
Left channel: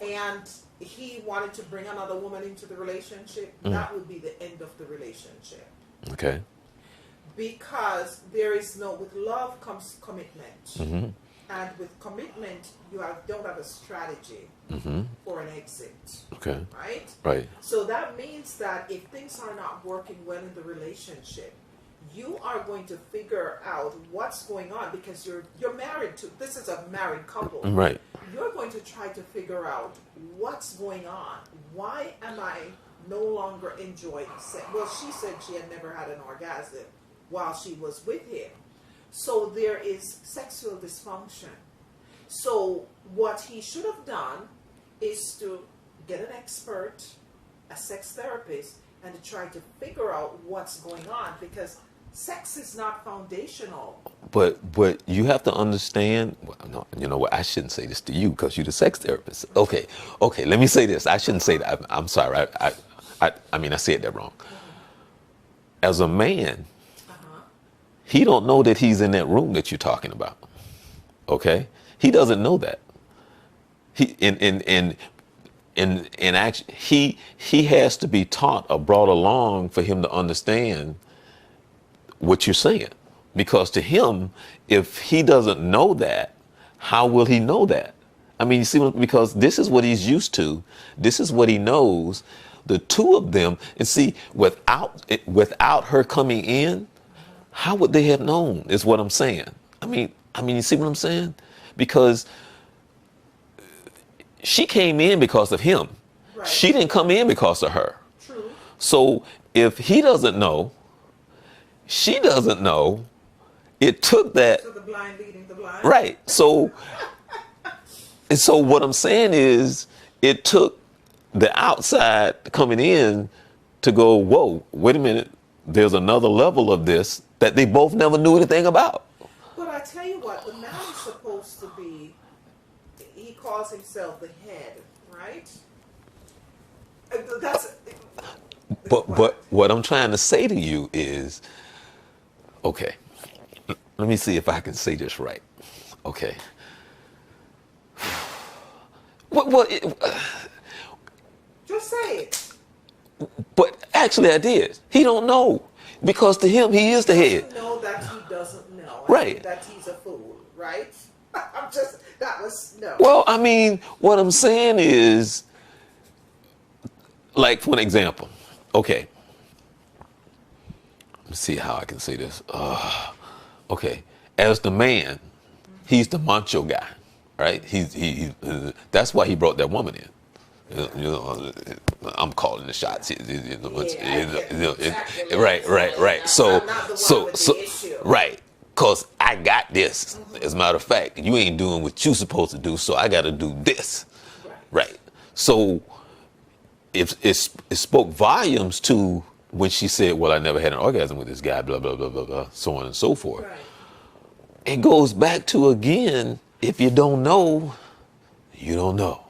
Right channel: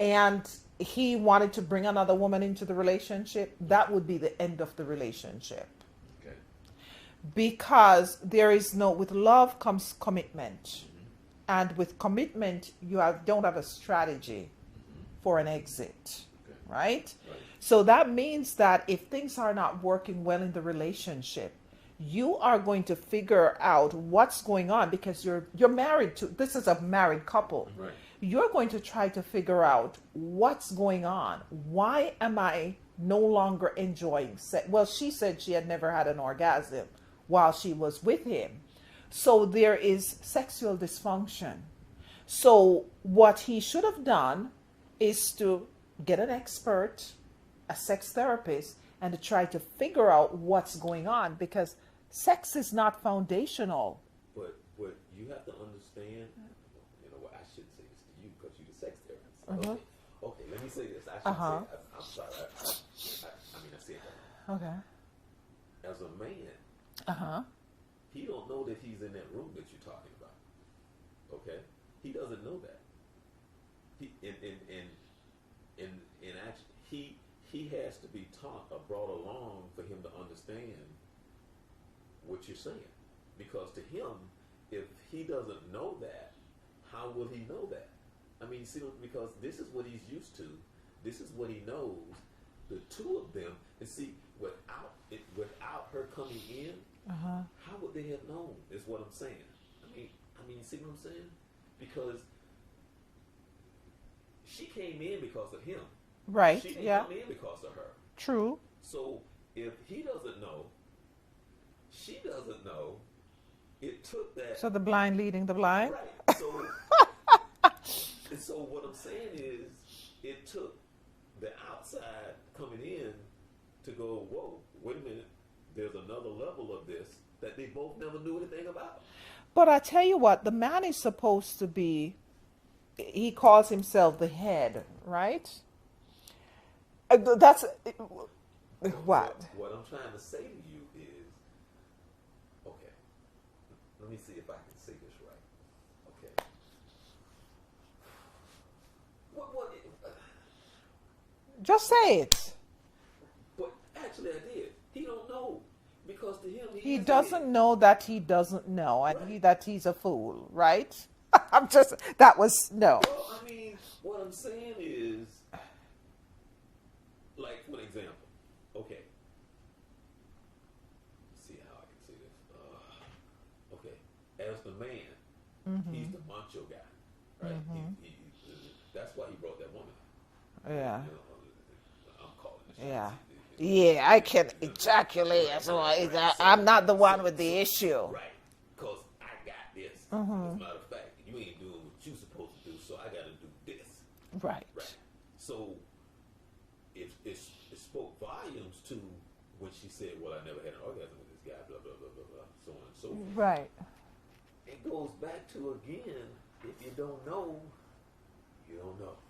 and he wanted to bring another woman into the relationship, that would be the end of the relationship. okay. Because with love comes commitment. And with commitment, don't have a strategy for an exit, Okay. right? Right. So that means that if things are not working well in the relationship, you are going to figure out what's going on, because you're married to, this is a married couple. Right. You're going to try to figure out what's going on. Why am I no longer enjoying sex? Well, she said she had never had an orgasm while she was with him. So there is sexual dysfunction. So what he should have done is to get an expert, a sex therapist, and to try to figure out what's going on, because sex is not foundational. But you have to understand. Well, no, you know what? I shouldn't say this to you because you're the sex therapist. Okay. Let me say this. I shouldn't say that. I'm sorry. I said that wrong. As a man, he don't know that he's in that room that you're talking about. Okay. He doesn't know that. And and actually he has to be taught or brought along for him to understand what you're saying, because to him, if he doesn't know that, how will he know that? I mean, you see, because this is what he's used to, this is what he knows. The two of them, and see, without her coming in, how would they have known? Is what I'm saying. You see what I'm saying? Because she came in because of him. Right. She didn't come in because of her. True. So if he doesn't know, she doesn't know, it took that. So the blind leading the blind. Right. So, and so what I'm saying is, it took the outside coming in to go, whoa, wait a minute, there's another level of this that they both never knew anything about. But I tell you what, the man is supposed to be, he calls himself the head, right? That's But what I'm trying to say to you is, okay, let me see if I can say this right. Okay. Well, just say it. but actually I did. He don't know, because to him he is the Doesn't head. know that he doesn't know. Right. That he's a fool, right? That was, no. Well, I mean, what I'm saying is, like, for an example, okay. Let's see how I can say this. Okay, as the man, he's the macho guy, right? That's why he brought that woman in. Yeah. You know, I'm calling the shots. Yeah, I get exactly. Right. So I'm not the one with the issue. Right. Because I got this. As a matter of fact, you ain't doing what you supposed to do, so I got to do this. Right. Right. So if it spoke volumes to when she said, well, I never had an orgasm with this guy, blah, blah, blah, blah, blah, so on and so forth. Right. It goes back to, again, if you don't know, you don't know.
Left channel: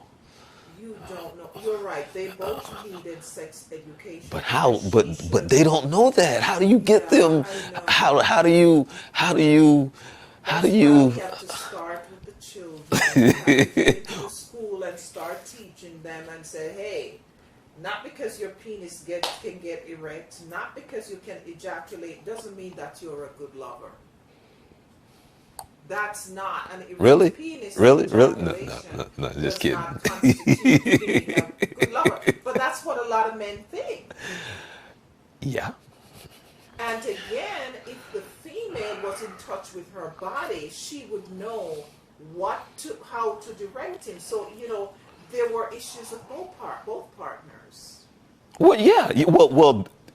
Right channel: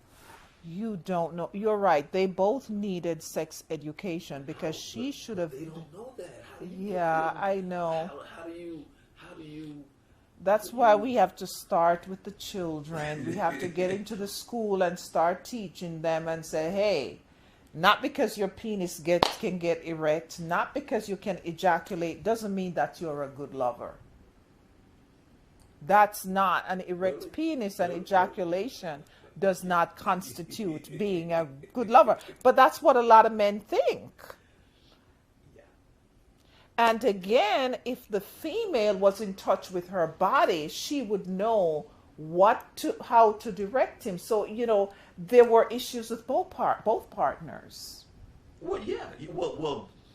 You don't know. You're right. They both needed sex education. But how? because she But should've- they don't know that. How do you get Yeah, them? I know. How do you? That's why we have to start with the children. We have to get into the school and start teaching them and say, hey, not because your penis can get erect, not because you can ejaculate, doesn't mean that you're a good lover. That's not an erect Really? penis. Really? Ejaculation No, just does kidding. not constitute being a good lover. But that's what a lot of men think. Yeah. And again, if the female was in touch with her body, she would know how to direct him. So, there were issues with both partners. Well, yeah. Yeah.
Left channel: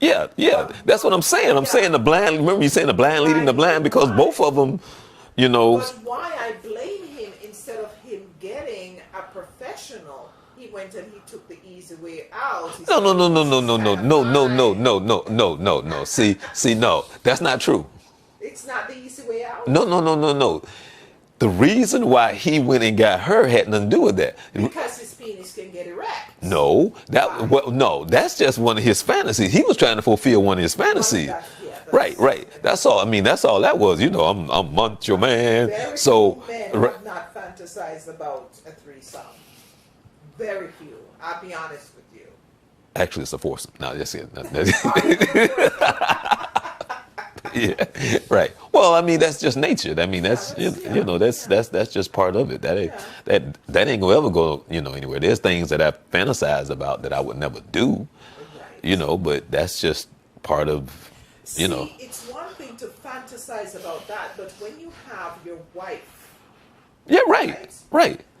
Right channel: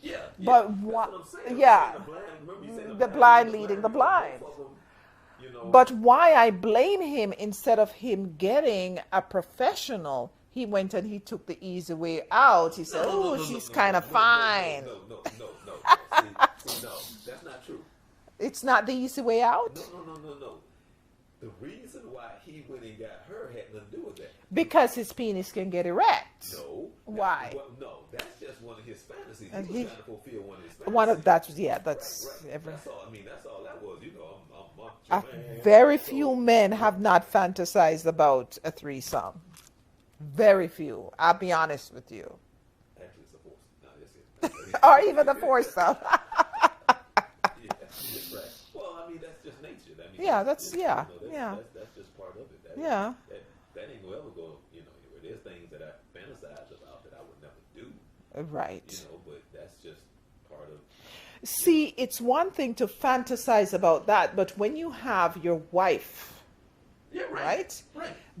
But That's what I'm saying. I'm yeah. saying the blind. Remember you saying the blind leading the blind, because both of them, But why I blame him, instead of him getting a professional, he went and he took the easy way out. He said, No. See, no, that's not true. It's not the easy way out? No. The reason why he went and got her had nothing to do with that. Because his penis can get erect. No, that's just one of his fantasies. He was trying to fulfill one of his fantasies. Right. That's all. I mean, that's all that was. I'm macho man. Very few men have not fantasized about a threesome. Very few. I'll be honest with you. Actually, it's a foursome. No, that's it. Oh, even a foursome. Yeah, right. Well, I mean, that's just nature. I mean, that's just part of it. That ain't gonna ever go anywhere. There's things that I fantasize about that I would never do. Right. But that's just part of. See, it's one thing to fantasize about that, but when you have your wife, right,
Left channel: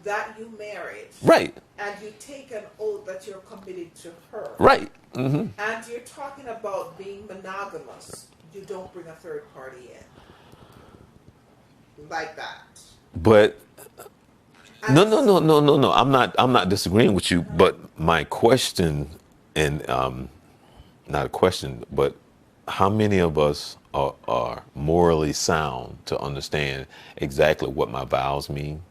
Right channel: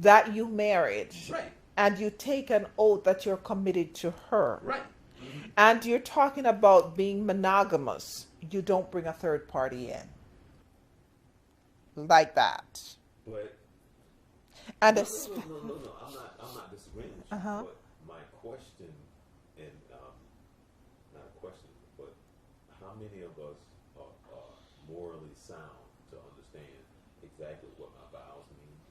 that you married, right, and you take an oath that you're committed to her, right, and you're talking about being monogamous, you don't bring a third party in like that. But And no. I'm not disagreeing with you. But my question, and not a question, but how many of us are morally sound to understand exactly what my vows mean,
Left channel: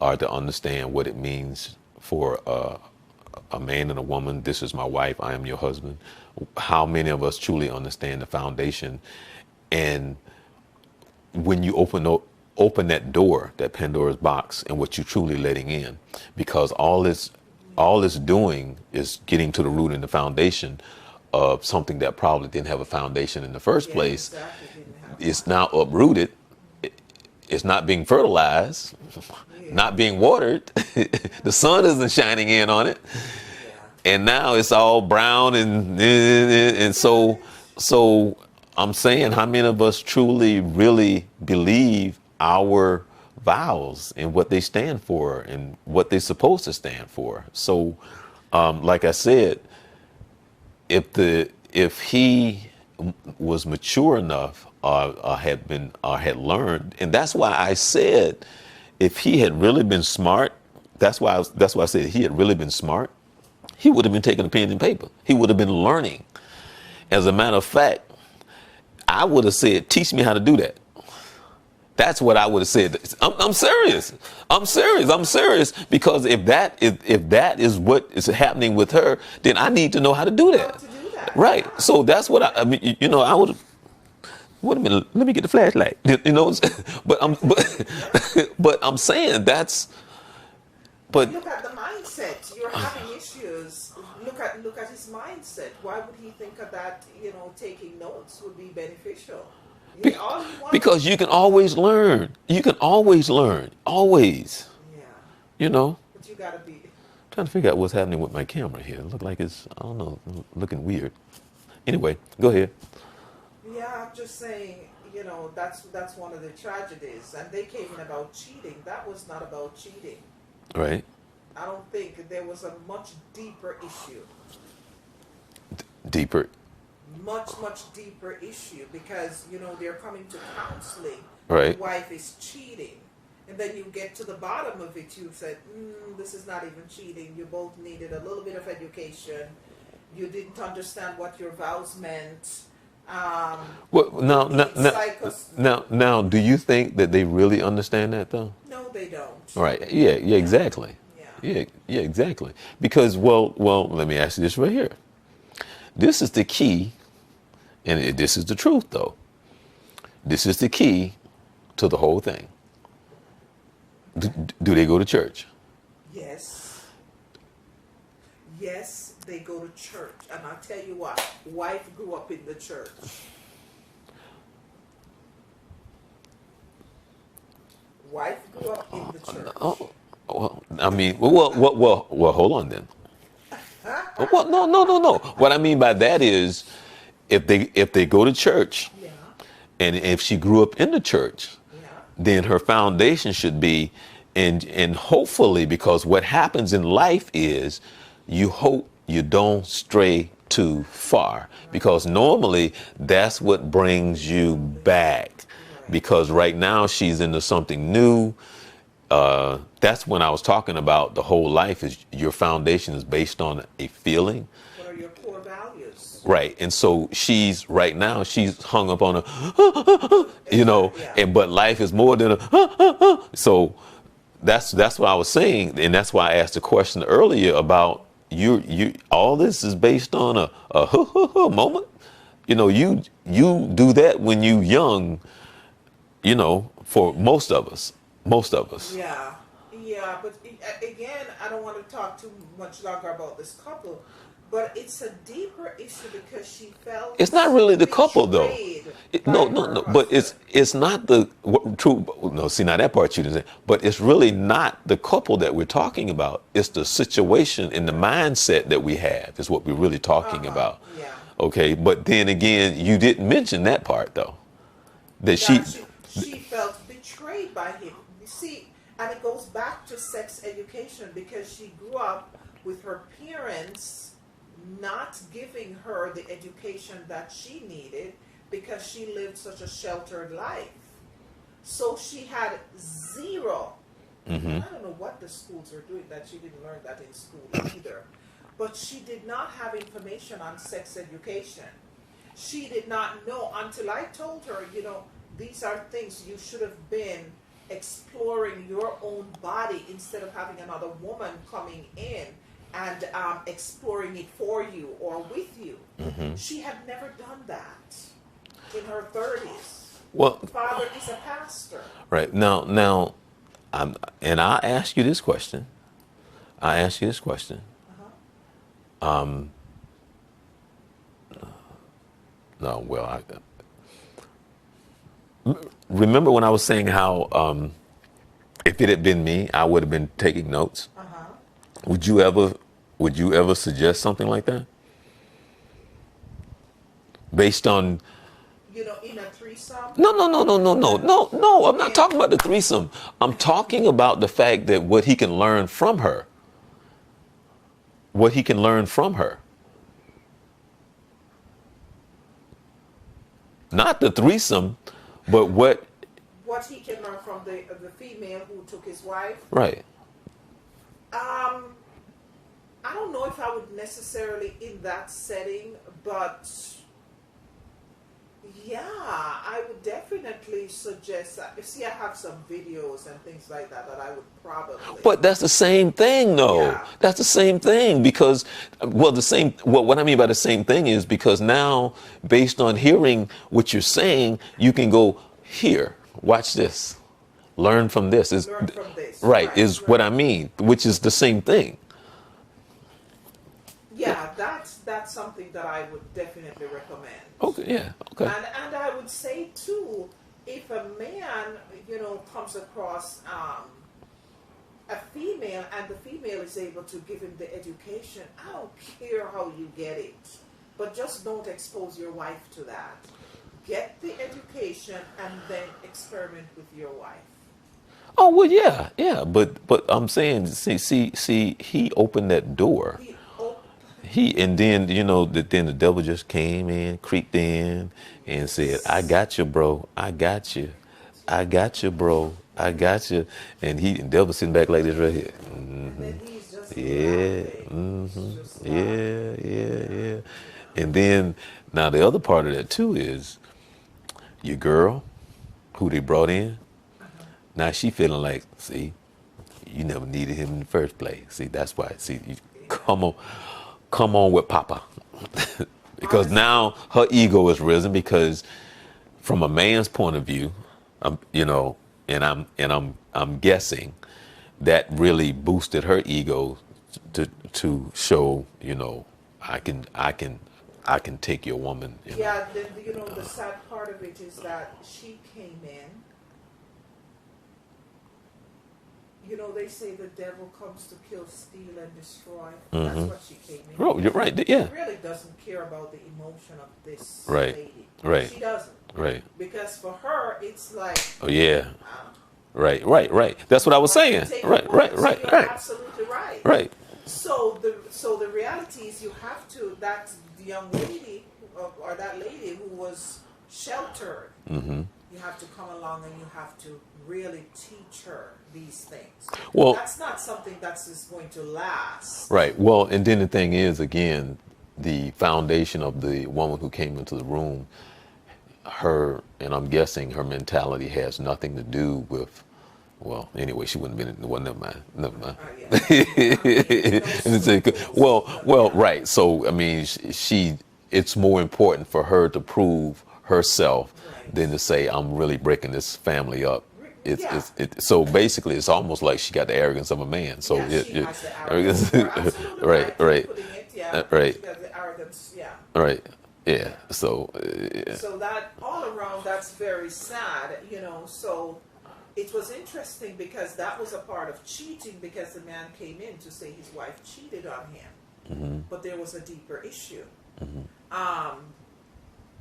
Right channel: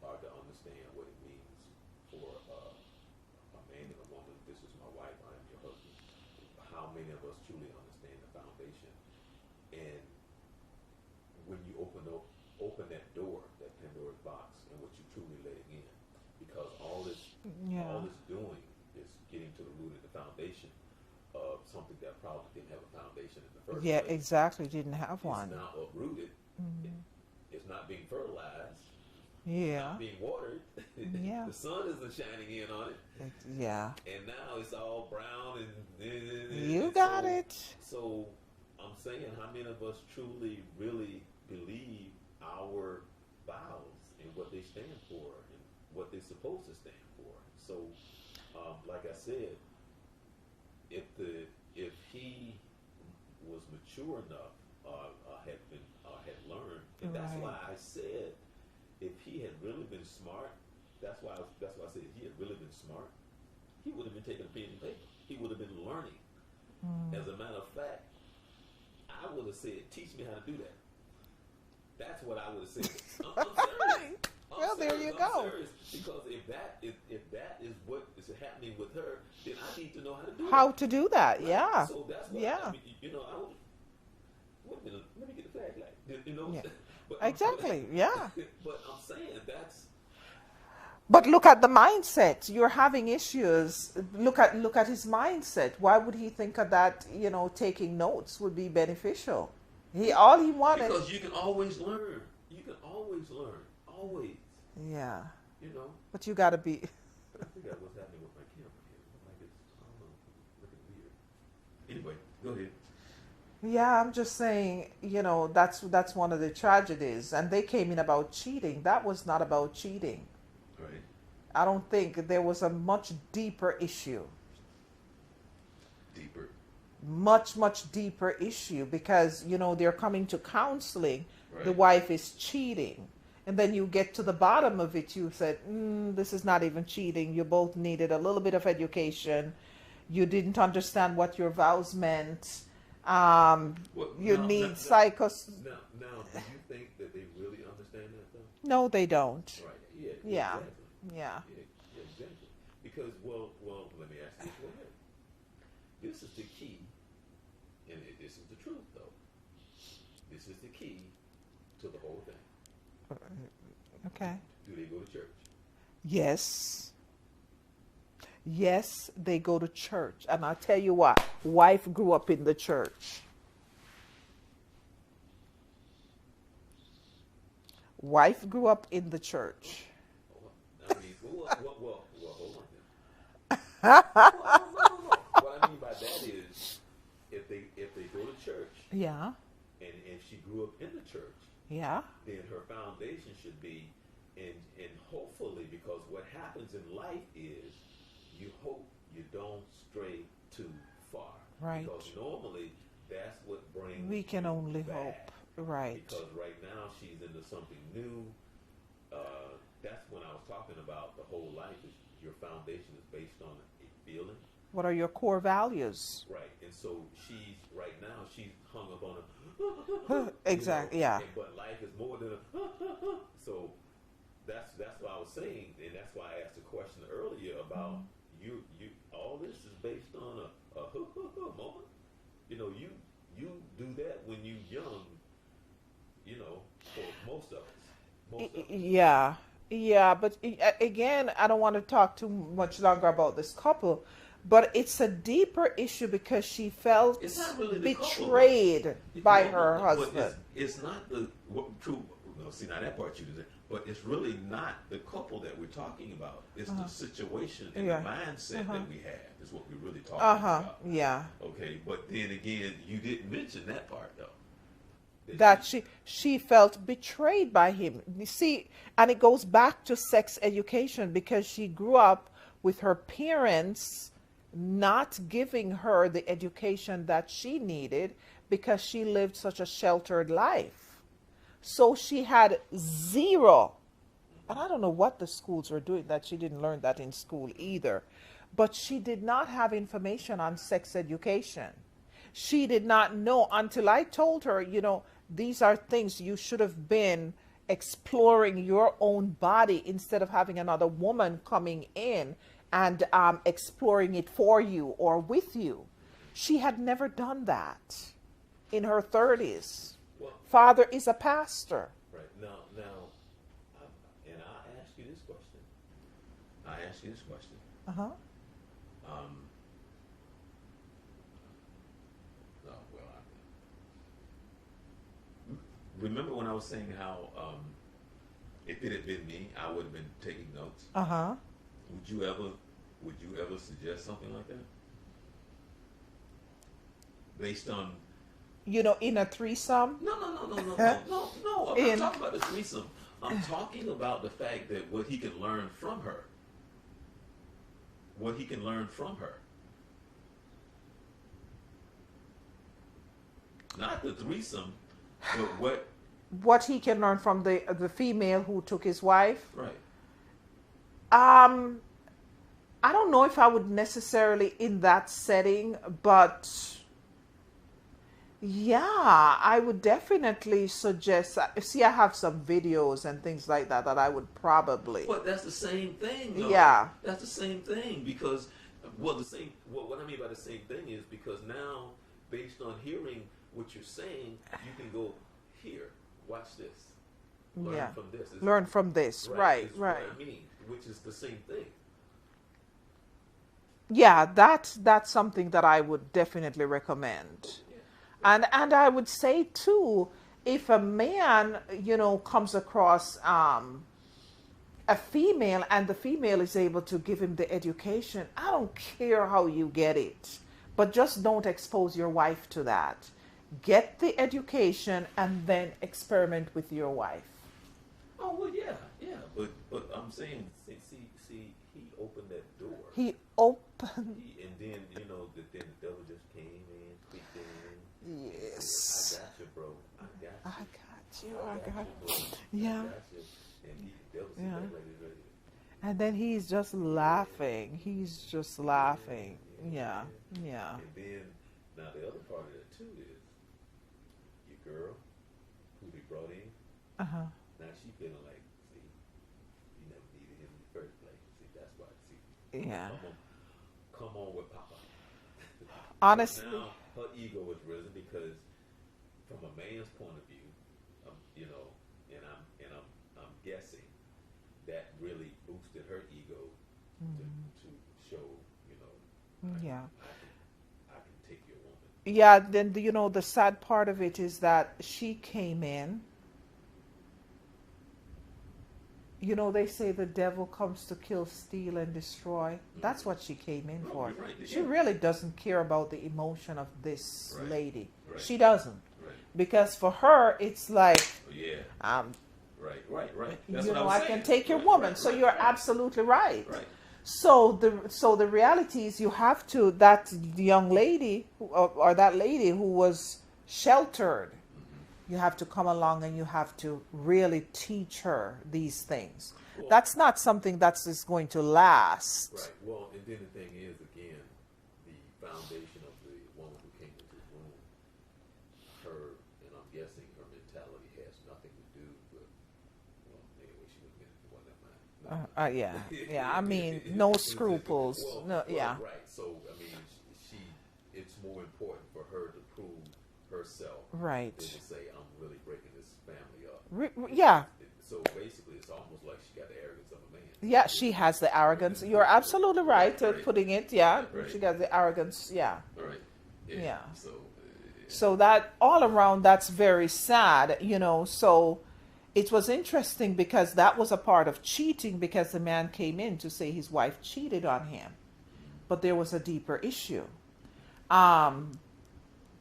or to understand what it means for a man and a woman? This is my wife. I am your husband. How many of us truly understand the foundation? And when you open that door, that Pandora's box, and what you're truly letting in, because all this all it's doing is getting to the root and the foundation of something that probably didn't have a foundation in the first Yeah, place. exactly. Didn't have It's one. now uprooted. It's not being fertilized, Yeah. not being watered. Yeah. The sun isn't shining in on it, Yeah. and now it's all brown You and got so it. so I'm saying, how many of us truly really believe our vows and what they stand for and what they're supposed to stand for? So, like I said, if he was mature enough or had learned, and that's why I said, if he had really been smart, that's why I said, if he had really been smart, he would have been taking a pen and paper. He would have been learning. As a matter of fact, I would have said, teach me how to do that. That's what I would have said. I'm serious. I'm serious. I'm serious, because if that is what is happening with her, then I need to know how to do that. How to do that? Right. Yeah. So that's what I mean. I would. Wait a minute. Let me get the flashlight. But Exactly, yeah. but I'm saying that's. But look at the mindset. You're having issues. Look at his mindset. Why would he think of that? Taking notes would be beneficial. All he wanted. Because you can always learn. You can always learn. Always. Yeah. But you gotta be. Trying to figure out what's happening with my camera here. It look like it's, I don't know, looking weird. Anyway, go ahead. Yeah, I'm just saying. That's one of the tragedies. And they came in about cheating. That was not about cheating. Right. I don't think there was a much deeper issue. Deeper. Much deeper issue, because they're coming to counseling. Right. The wife is cheating, and then you get to the bottom of it. You said, this is not even cheating. You both needed a little bit of education. You didn't understand what your vows meant. Well, Now, now, do you think that they really understand that though? no, they don't. Right. Yeah. Exactly. Yeah. Yeah, exactly. Because, well, let me ask you this right here. This is the key, and this is the truth, though. This is the key to the whole thing. Okay. Do they go to church? Yes. Yes, they go to church. And I'll tell you what, wife grew up in the church. Wife grew up in the church. Oh, well, I mean, well, hold on then. Well, no. What I mean by that is, if they go to church, Yeah. and if she grew up in the church, Yeah. then her foundation should be, and hopefully, because what happens in life is, you hope you don't stray too far, because normally that's what brings you back. Right. Because right now she's into something new. That's when I was talking about the whole life is your foundation is based on a feeling. What are your core values? Right. And so right now she's hung up on Yeah. but life is more than a, so that's what I was saying. And that's why I asked the question earlier about you all this is based on a moment. You do that when you young, for most of us. Yeah. Yeah, but again, I don't want to talk too much longer about this couple, but it's a deeper issue because she felt It's not really the couple though. betrayed No, by no, her no. But husband. it's not the true. No, see now that part you didn't say. But it's really not the couple that we're talking about. It's the situation and the mindset that we have is what we're really talking about. Yeah. Okay, but then again, you didn't mention that part though. That She felt betrayed by him. You see, and it goes back to sex education because she grew up with her parents not giving her the education that she needed because she lived such a sheltered life. So she had zero. And I don't know what the schools were doing that she didn't learn that in school either. But she did not have information on sex education. She did not know until I told her, these are things you should have been exploring your own body instead of having another woman coming in and exploring it for you or with you. She had never done that in her 30s. well, Father is a pastor. right now, and I'll ask you this question: I ask you this question. Uh-huh. No, well, remember when I was saying how if it had been me, I would have been taking notes. Uh-huh. Would you ever would you ever suggest something like that? Based on You know, in a threesome, no. I'm not in talking about the threesome. I'm talking about the fact that what he can learn from her. What he can learn from her. Not the threesome, but what he can learn from the female who took his wife. right. Um, I don't know if I would necessarily in that setting, but yeah, I would definitely suggest. See, I have some videos and things like that that I would probably. But that's the same thing, though. Yeah. That's the same thing because, well, what I mean by the same thing is because now, based on hearing what you're saying, you can go here, watch this, learn from this. Learn from this. Right, is what right. I mean, which is the same thing. Yeah, that's something that I would definitely recommend. Okay, yeah, okay. And I would say too, if a man, comes across a female and the female is able to give him the education, I don't care how you get it, but just don't expose your wife to that. Get the education and then experiment with your wife. Oh well, yeah, but I'm saying, see, he opened that door. He op- And then then the devil just came in, creeped in, and said, "I yes. got you, bro. I got you. I got you, bro. I Yeah. got you." And the devil sitting back like this right here. And then he's just Yeah, laughing. He's just laughing. yeah. Yeah. And then now the other part of that too is your girl, who they brought in. Uh-huh. Now she feeling like, see, you never needed him in the first place. See, that's why. See, come on with Papa, because Honestly. now her ego is risen. Because from a man's point of view, and I'm guessing that really boosted her ego to show, I can take your woman. Yeah, then the sad part of it is that she came in. They say the devil comes to kill, steal, and destroy. That's what she came in Oh, for. you're right. Yeah. She really doesn't care about the emotion of this Right. lady. Right. She doesn't. Right. Because for her, it's like, Oh yeah. um, Right. That's what I was can saying. take a Right. woman. So Right. you're Right. absolutely right. Right. So the reality is you have to, that young lady or that lady who was sheltered, you have to come along and you have to really teach her these things. Well, That's not something that's just going to last. right. Well, and then the thing is, again, the foundation of the woman who came into the room, and I'm guessing her mentality has nothing to do with, well, anyway, she wouldn't have been, well, never mind. Yeah. I mean, no scruples. Well, Yeah. right. So, I mean, it's more important for her to prove herself Right. than to say, I'm really breaking this family up. Yeah. So basically, it's almost like she got the arrogance of a man. So Yeah, she has the arrogance. You're absolutely right in putting it. Yeah, right. she got the arrogance. Yeah. Right. Yeah. Yeah. So. So that all around, that's very sad. So it was interesting because that was a part of cheating, because the man came in to say his wife cheated on him, but there was a deeper issue.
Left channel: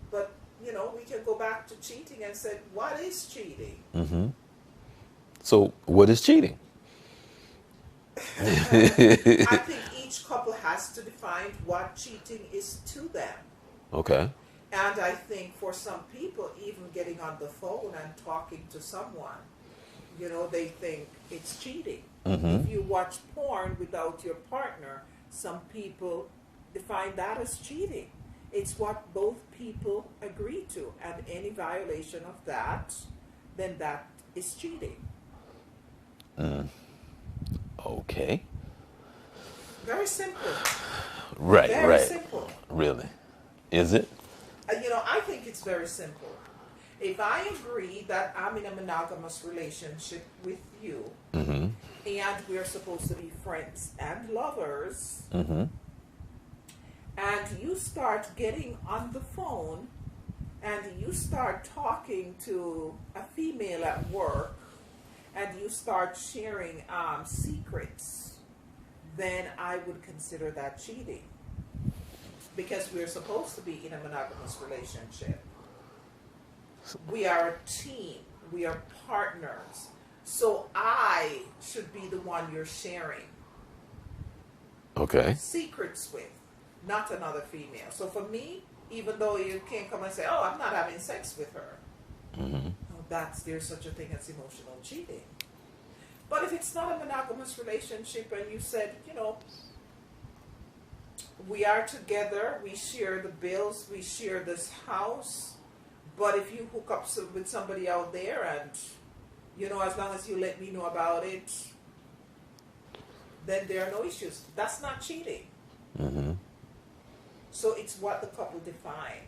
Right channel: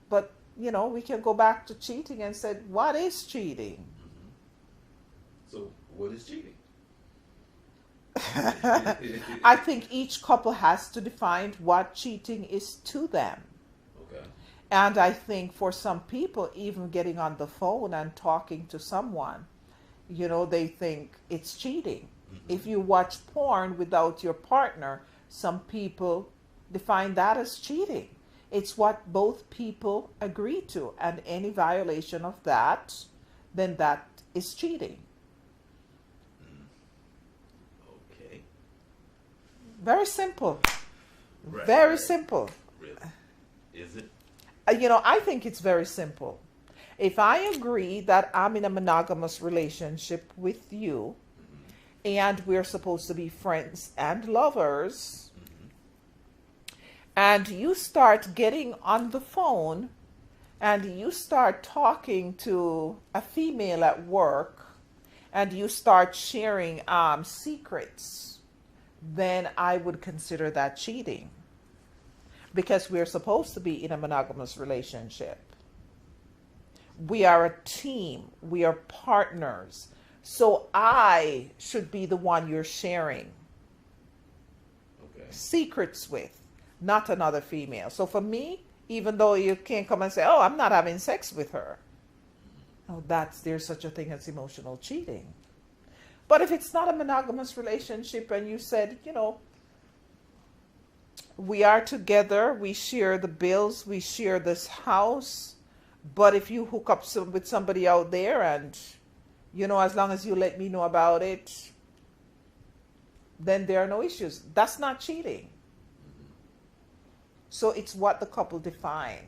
But we can go back to cheating and say, what is cheating? So what is cheating? I think each couple has to define what cheating is to them. Okay. And I think for some people, even getting on the phone and talking to someone, they think it's cheating. If you watch porn without your partner, some people define that as cheating. It's what both people agree to, and any violation of that, then that is cheating. Okay. Very simple. Right. Very right. simple. Really? Is it? I think it's very simple. If I agree that I'm in a monogamous relationship with you, and we're supposed to be friends and lovers, and you start getting on the phone and you start talking to a female at work and you start sharing secrets, then I would consider that cheating, because we're supposed to be in a monogamous relationship. We are a team, we are partners. So I should be the one you're sharing Okay. secrets with, not another female. So for me, even though you can't come and say, "Oh, I'm not having sex with her," oh, there's such a thing as emotional cheating. But if it's not a monogamous relationship and you said, we are together, we share the bills, we share this house, but if you hook up with somebody out there and, as long as you let me know about it, then there are no issues. That's not cheating. So it's what the couple define.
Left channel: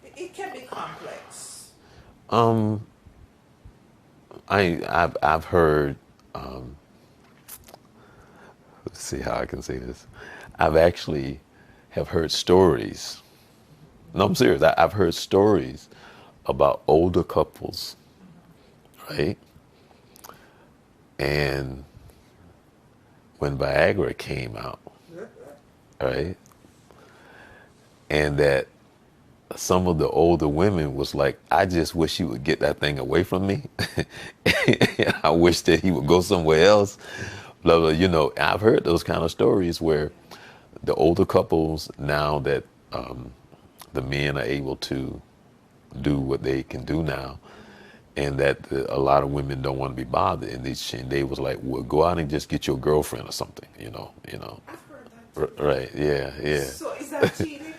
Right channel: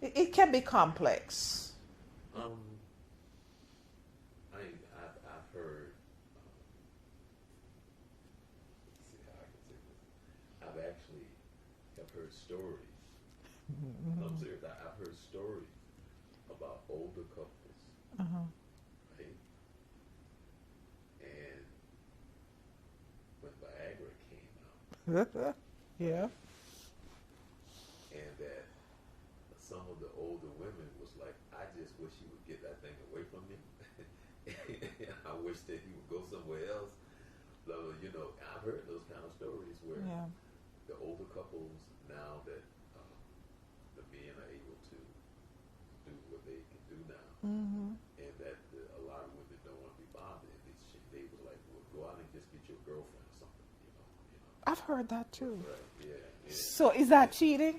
It can be complex. I've heard. Let's see how I can say this. I've actually have heard stories. No, I'm serious. I've heard stories about older couples, right? And when Viagra came out, right? And that some of the older women was like, "I just wish he would get that thing away from me. I wish that he would go somewhere else." Blah, blah, I've heard those kind of stories where the older couples, now that the men are able to do what they can do now, and that a lot of women don't want to be bothered, and they was like, "Well, go out and just get your girlfriend or something," I've heard that too. Right? Yeah, yeah. So is that cheating?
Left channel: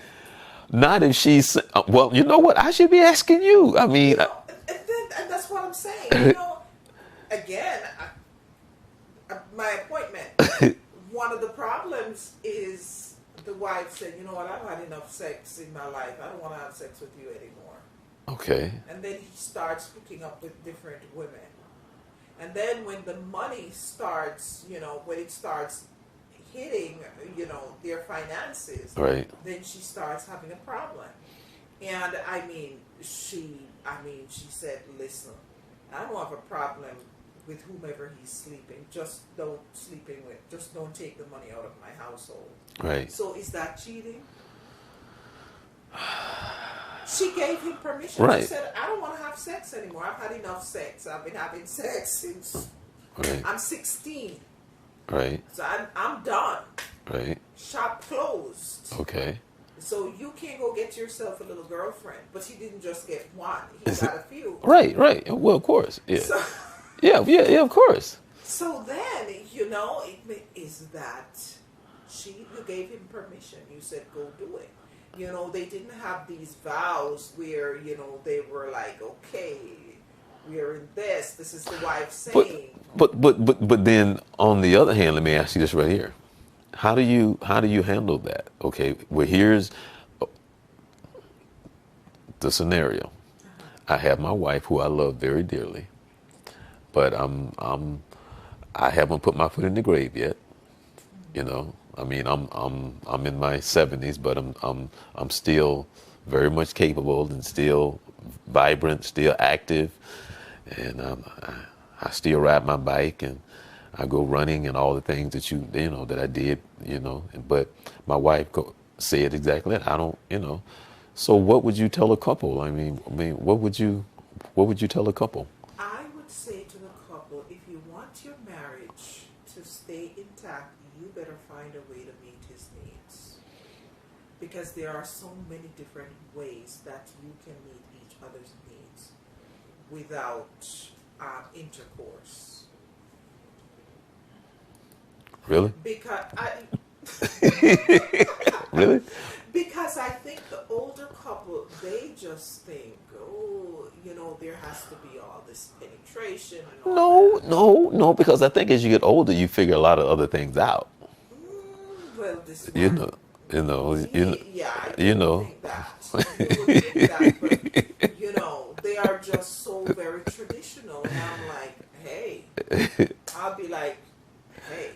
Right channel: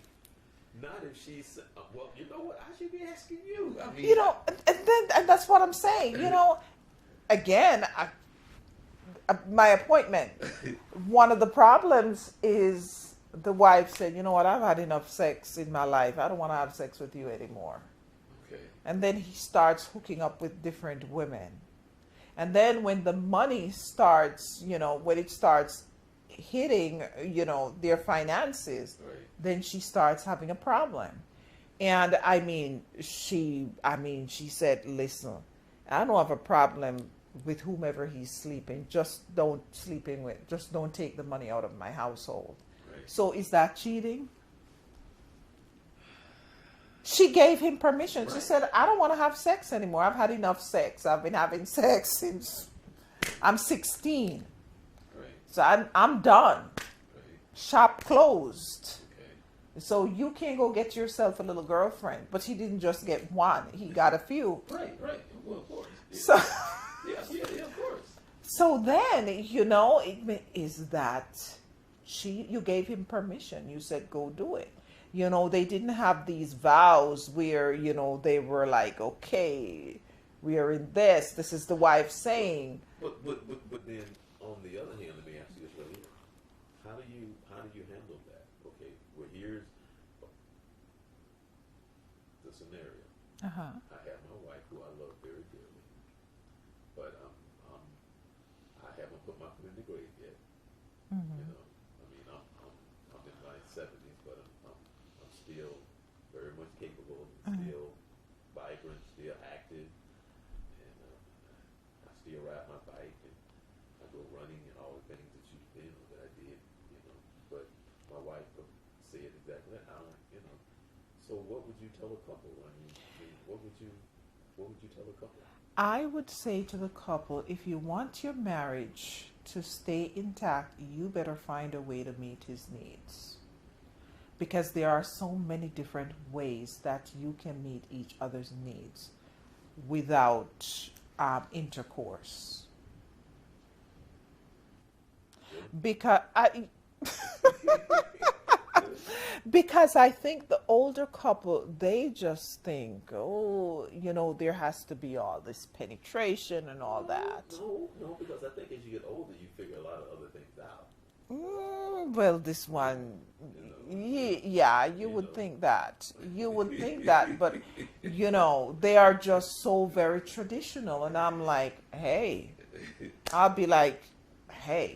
Not if she's, well, you know what? I should be asking you. I mean, and that's what I'm saying. Again, my appointment. One of the problems is the wife said, "You know what? I've had enough sex in my life. I don't want to have sex with you anymore." okay. And then he starts hooking up with different women. And then when the money starts, when it starts hitting, their finances, Right. then she starts having a problem. And she said, "Listen, I don't have a problem with whomever he's sleeping. Just don't take the money out of my household." Right. So is that cheating? She gave him permission. Right. She said, "I don't want to have sex anymore. I've had enough sex. I've been having sex since I'm 16. Right. So I'm done. Right. Shop closed. Okay. So you can go get yourself a little girlfriend." But he didn't just get one. He got a few. Right. Right. Well, of course. Yeah. So, yeah. Of course. so then, is that you gave him permission. You said, "Go do it." They didn't have these vows where, they were like, "Okay, we are in this. This is the wife saying." But then on the other hand, let me ask you this right here. How do you handle that? Okay, well, here's the scenario. I have my wife, who I love very dearly, but I haven't put my foot in the grave yet. I mean, I'm in my 70s, but I'm still very much capable and still vibrant, still active, and I still ride my bike and I go running and all the things that that I did, But my wife said exactly that. I don't, So what would you tell a couple? I mean, what would you tell a couple? I would say to the couple, if you want your marriage to stay intact, you better find a way to meet his needs. Because there are so many different ways that you can meet each other's needs without intercourse. Really? Because Really? Because I think the older couple, they just think, there has to be all this penetration and all that. No, because I think as you get older, you figure a lot of other things out. Well, this one, You know. You know, Yeah, you you would know, think that. You would think that, but they are just so very traditional. And I'm like, hey, I'll be like, hey,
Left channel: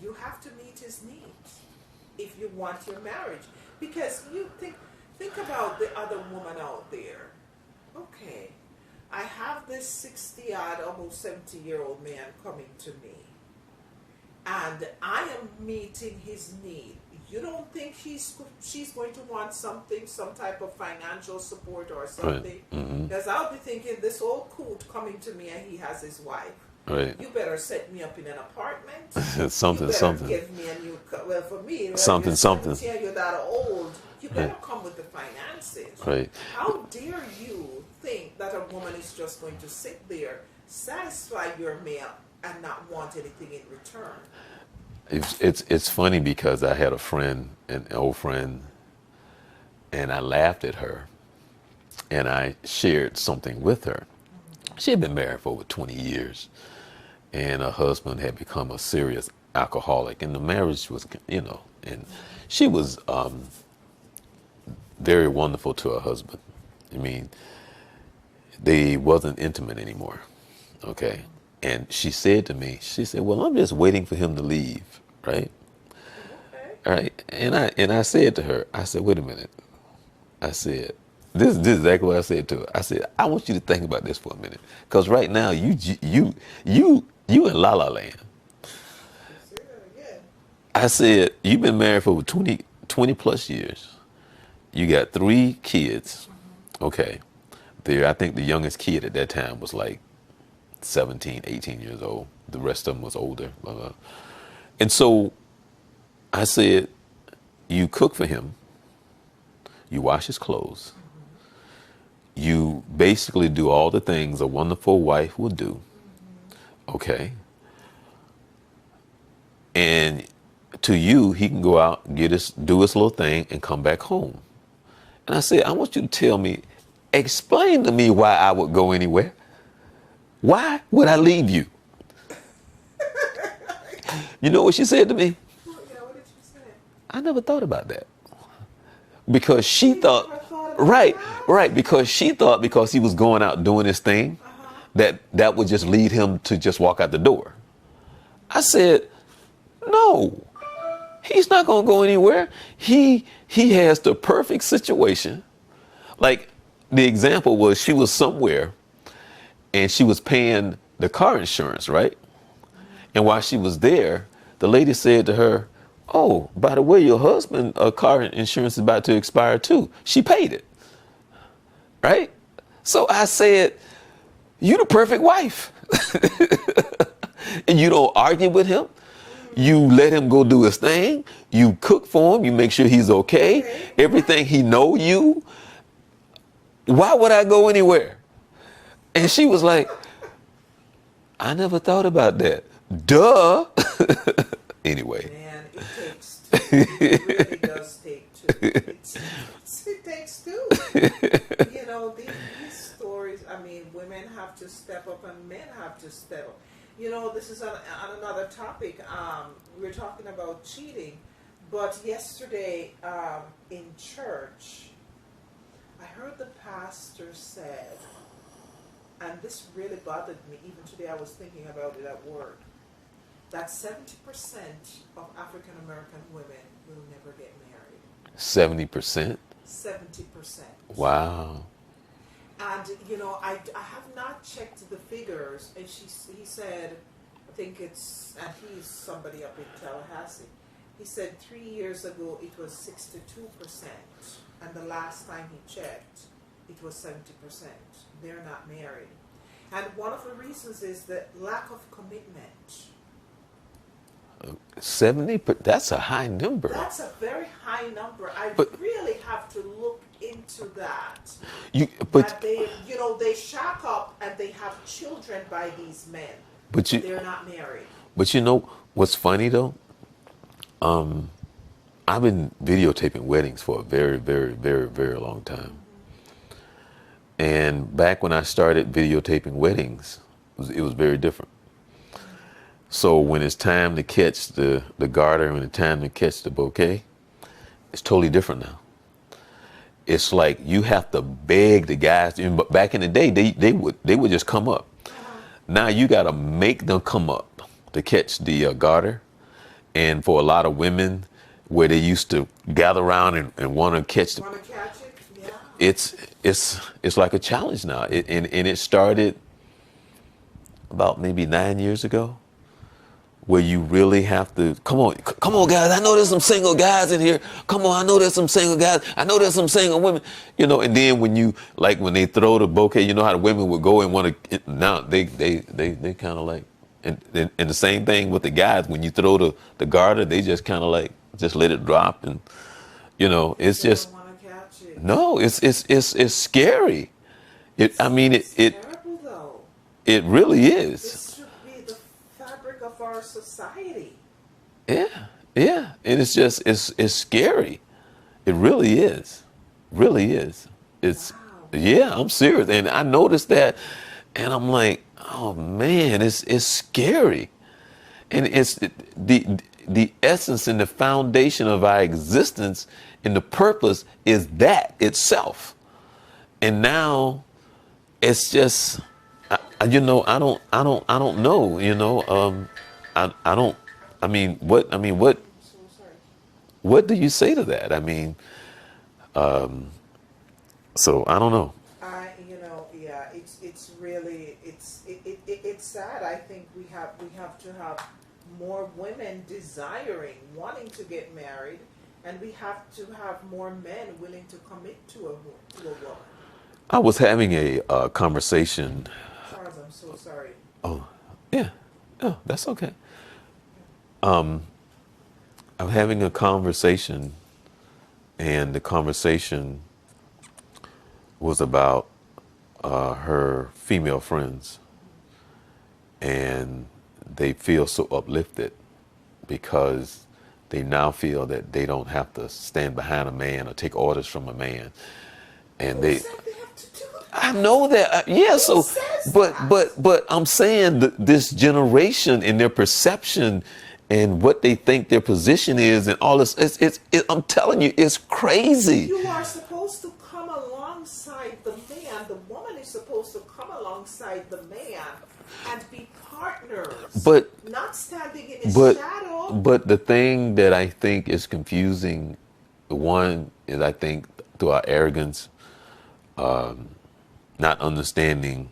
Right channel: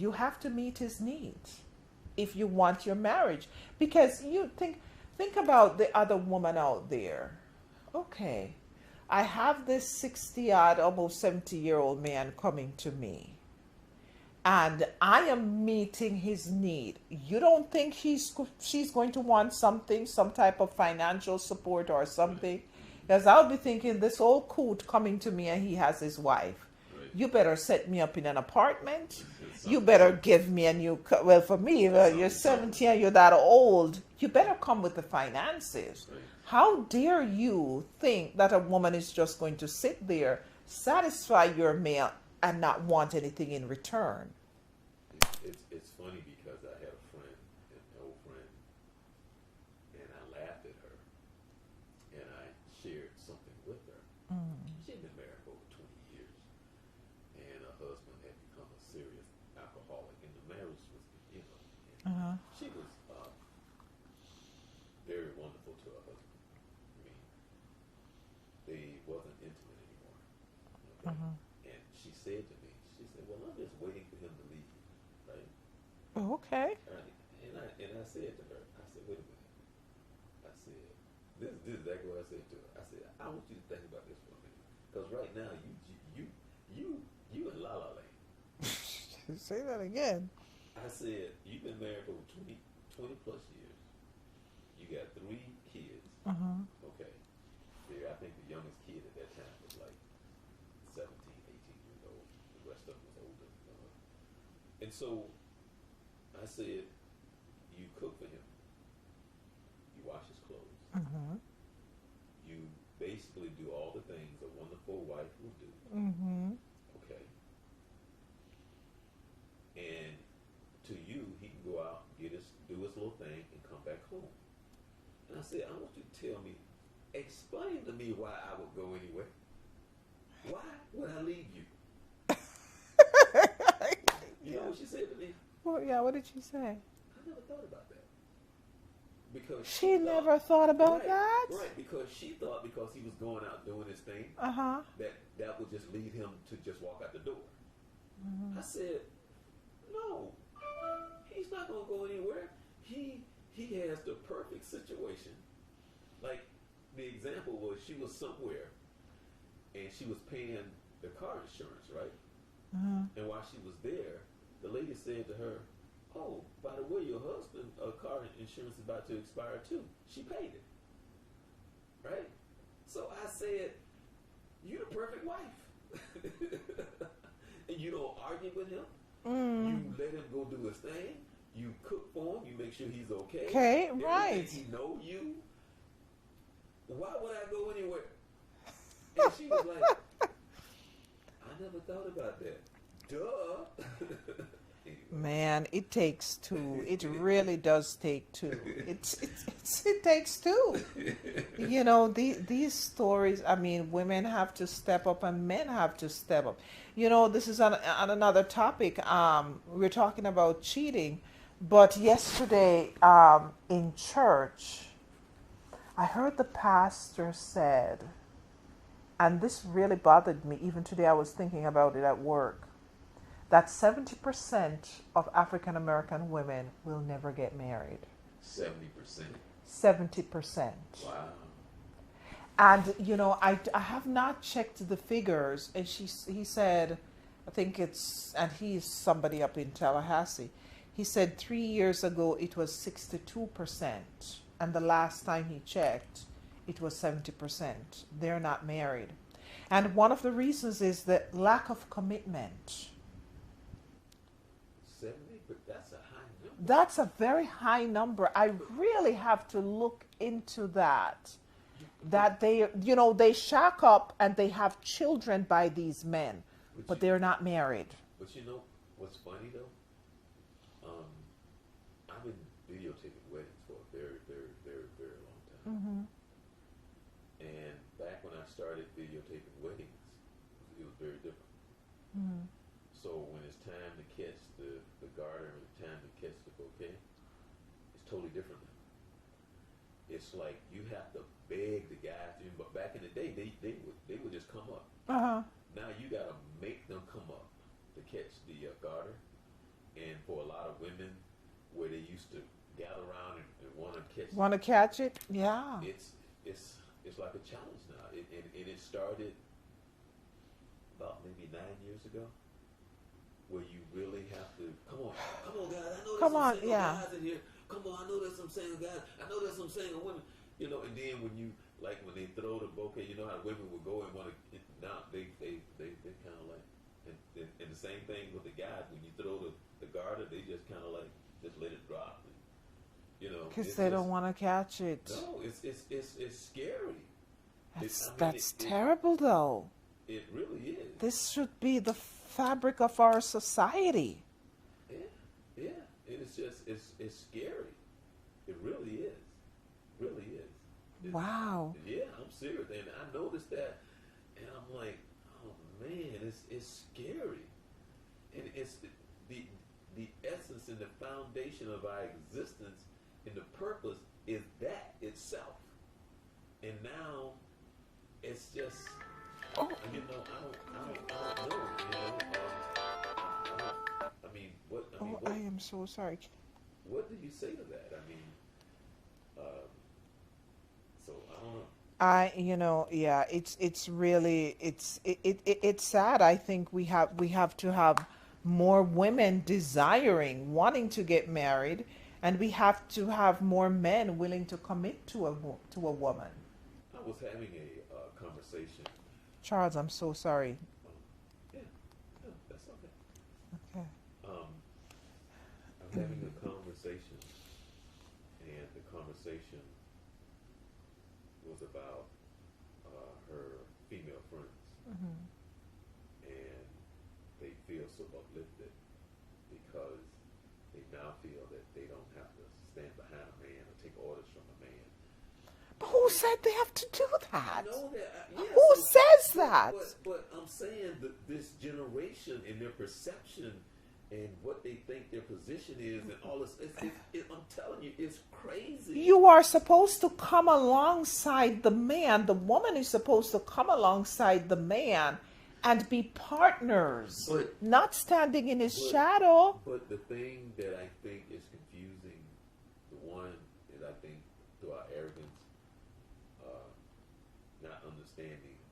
you have to meet his needs if you want your marriage. Because think about the other woman out there. Okay, I have this 60 odd, almost 70-year-old man coming to me, and I am meeting his need. You don't think she's going to want something, some type of financial support or right, something? Because I'll be thinking this old coot coming to me and he has his wife. right. You better set me up in an apartment. You Something, better something, give me a new. Well, for me, you're something, something. 70 and you're that old. You Right, better come with the finances. right. How dare you think that a woman is just going to sit there, satisfy your male, and not want anything in return? It's funny because I had a friend, an old friend, and I laughed at her, and I shared something with her. She had been married for over 20 years, and her husband had become a serious alcoholic, and the marriage was, and she was very wonderful to her husband. I mean, they wasn't intimate anymore, okay? And she said to me, she said, well, I'm just waiting for him to leave, right? Okay. All right. And I said to her, I said, wait a minute. I said, this is exactly what I said to her. I said, I want you to think about this for a minute. Because right now, you in La La Land. You say that again. I said, you've been married for over 20 plus years. You got 3 kids. Okay. I think the youngest kid at that time was like 17, 18 years old. The rest of them was older. Blah, blah. And so I said, you cook for him. You wash his clothes. You basically do all the things a wonderful wife would do. Okay. And to you, he can go out, do his little thing, and come back home. And I said, I want you to tell me, explain to me why I would go anywhere. Why would I leave you? You know what she said to me? Well, yeah, what did you say? I never thought about that. Because she You thought, never thought about right, that? right, because she thought because he was going out doing his thing, that would just lead him to just walk out the door. I said, no, he's not going to go anywhere. He has the perfect situation. Like the example was she was somewhere and she was paying the car insurance, right? And while she was there, the lady said to her, oh, by the way, your husband car insurance is about to expire too. She paid it, right? So I said, you the perfect wife. And you don't argue with him. You let him go do his thing. You cook for him. You make sure he's okay. Okay, Everything right. he know you. Why would I go anywhere? And she was like, I never thought about that. Duh. Anyway. Man, it takes two. It really does take two. It takes two. These stories, I mean, women have to step up and men have to step up. This is on another topic. We're talking about cheating. But yesterday in church, I heard the pastor said, and this really bothered me. Even today I was thinking about it at work, that 70% of African American women will never get married. 70%? 70%. Wow. And I have not checked the figures. And he said, I think and he's somebody up in Tallahassee. He said 3 years ago it was 62%, and the last time he checked, it was 70%. They're not married, and one of the reasons is the lack of commitment. 70, that's a high number. That's a very high number. I really have to look into that. That they shack up and they have children by these men, but they're not married. But you know what's funny though? I've been videotaping weddings for a very, very, very, very long time. And back when I started videotaping weddings, it was very different. So when it's time to catch the garter and it's time to catch the bouquet, It's totally different now. It's like you have to beg the guys. But back in the day, they would just come up. Uh-huh. Now you got to make them come up to catch the garter. And for a lot of women, where they used to gather around and want to catch, Want to catch it? Yeah. it's like a challenge now. And it started about maybe 9 years ago, where you really have to come on, guys. I know there's some single guys in here. Come on, I know there's some single guys. I know there's some single women. And then when they throw the bouquet, you know how the women would go and want to. Now they kind of like, and the same thing with the guys. When you throw the garter, they just kind of like just let it drop, and it's They just don't want to catch it. no, it's scary. It's It terrible though. it really is. This should be the fabric of our society. Yeah, yeah, and it's scary. It really is, really is. It's Wow. yeah, I'm serious, and I noticed that, and I'm like, oh man, it's scary, and it's the essence and the foundation of our existence and the purpose is that itself, and now it's just, I don't know, I don't. What I'm so sorry. what do you say to that? So I don't know. Yeah, it's really it's sad. I think we have to have more women desiring, wanting to get married, and we have to have more men willing to commit to a woman. I was having a conversation. Charles, I'm so sorry. Oh, yeah, oh, that's okay. Yeah. I'm having a conversation, and the conversation was about her female friends, and they feel so uplifted because they now feel that they don't have to stand behind a man or take orders from a man, and Who said they have to do that? I know that. Yeah. Who So, says but that? but I'm saying this generation and their perception and what they think their position is and all this. I'm telling you, it's crazy. You are supposed to come alongside the man. The woman is supposed to come alongside the man and be partners, But not standing in his but shadow. but the thing that I think is confusing, one is I think through our arrogance, not understanding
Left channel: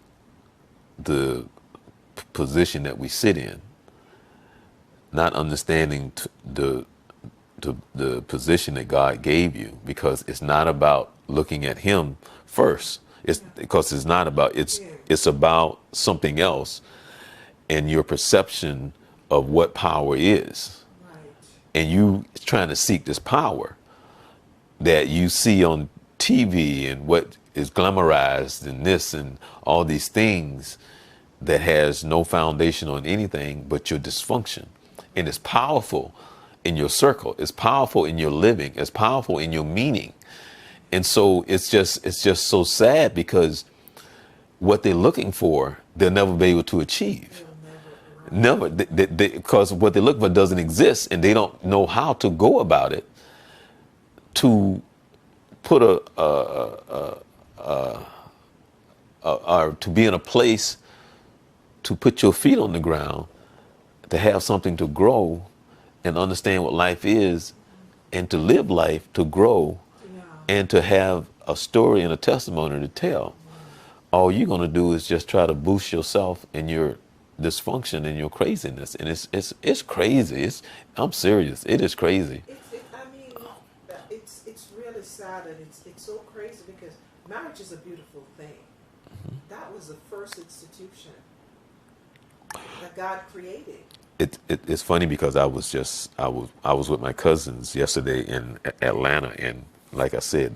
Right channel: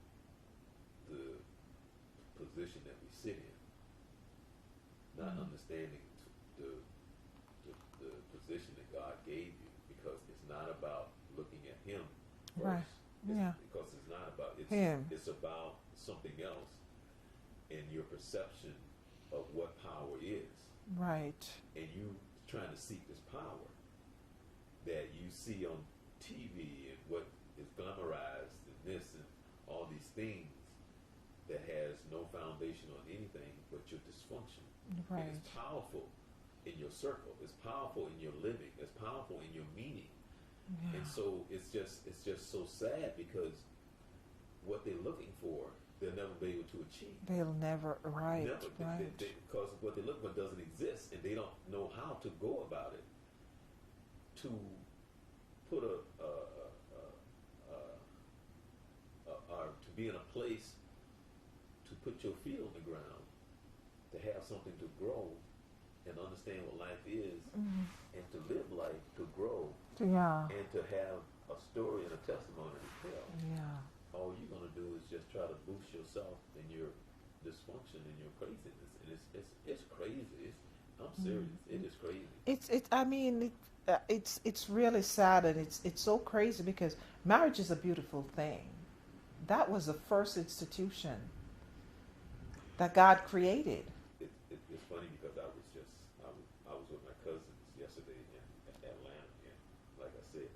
the position that we sit in, not understanding the position that God gave you, because it's not about looking at Him first. It's Yeah. because it's not about Him. it's about something else, and your perception of what power is, Right. and you trying to seek this power that you see on TV and what is glamorized and this and all these things that has no foundation on anything but your dysfunction. And it's powerful in your circle. It's powerful in your living. It's powerful in your meaning. And so it's just so sad because what they're looking for, they'll never be able to achieve. They will never. Right. Never, because what they look for doesn't exist, and they don't know how to go about it to put or to be in a place to put your feet on the ground, to have something to grow and understand what life is, and to live life, to grow, Yeah. and to have a story and a testimony to tell. All you're gonna do is just try to boost yourself and your dysfunction and your craziness, and it's crazy. I'm serious. It is crazy. It's really sad, and it's so crazy because marriage is a beautiful thing. That was the first institution that God created. It's funny because I was with my cousins yesterday in Atlanta, and like I said,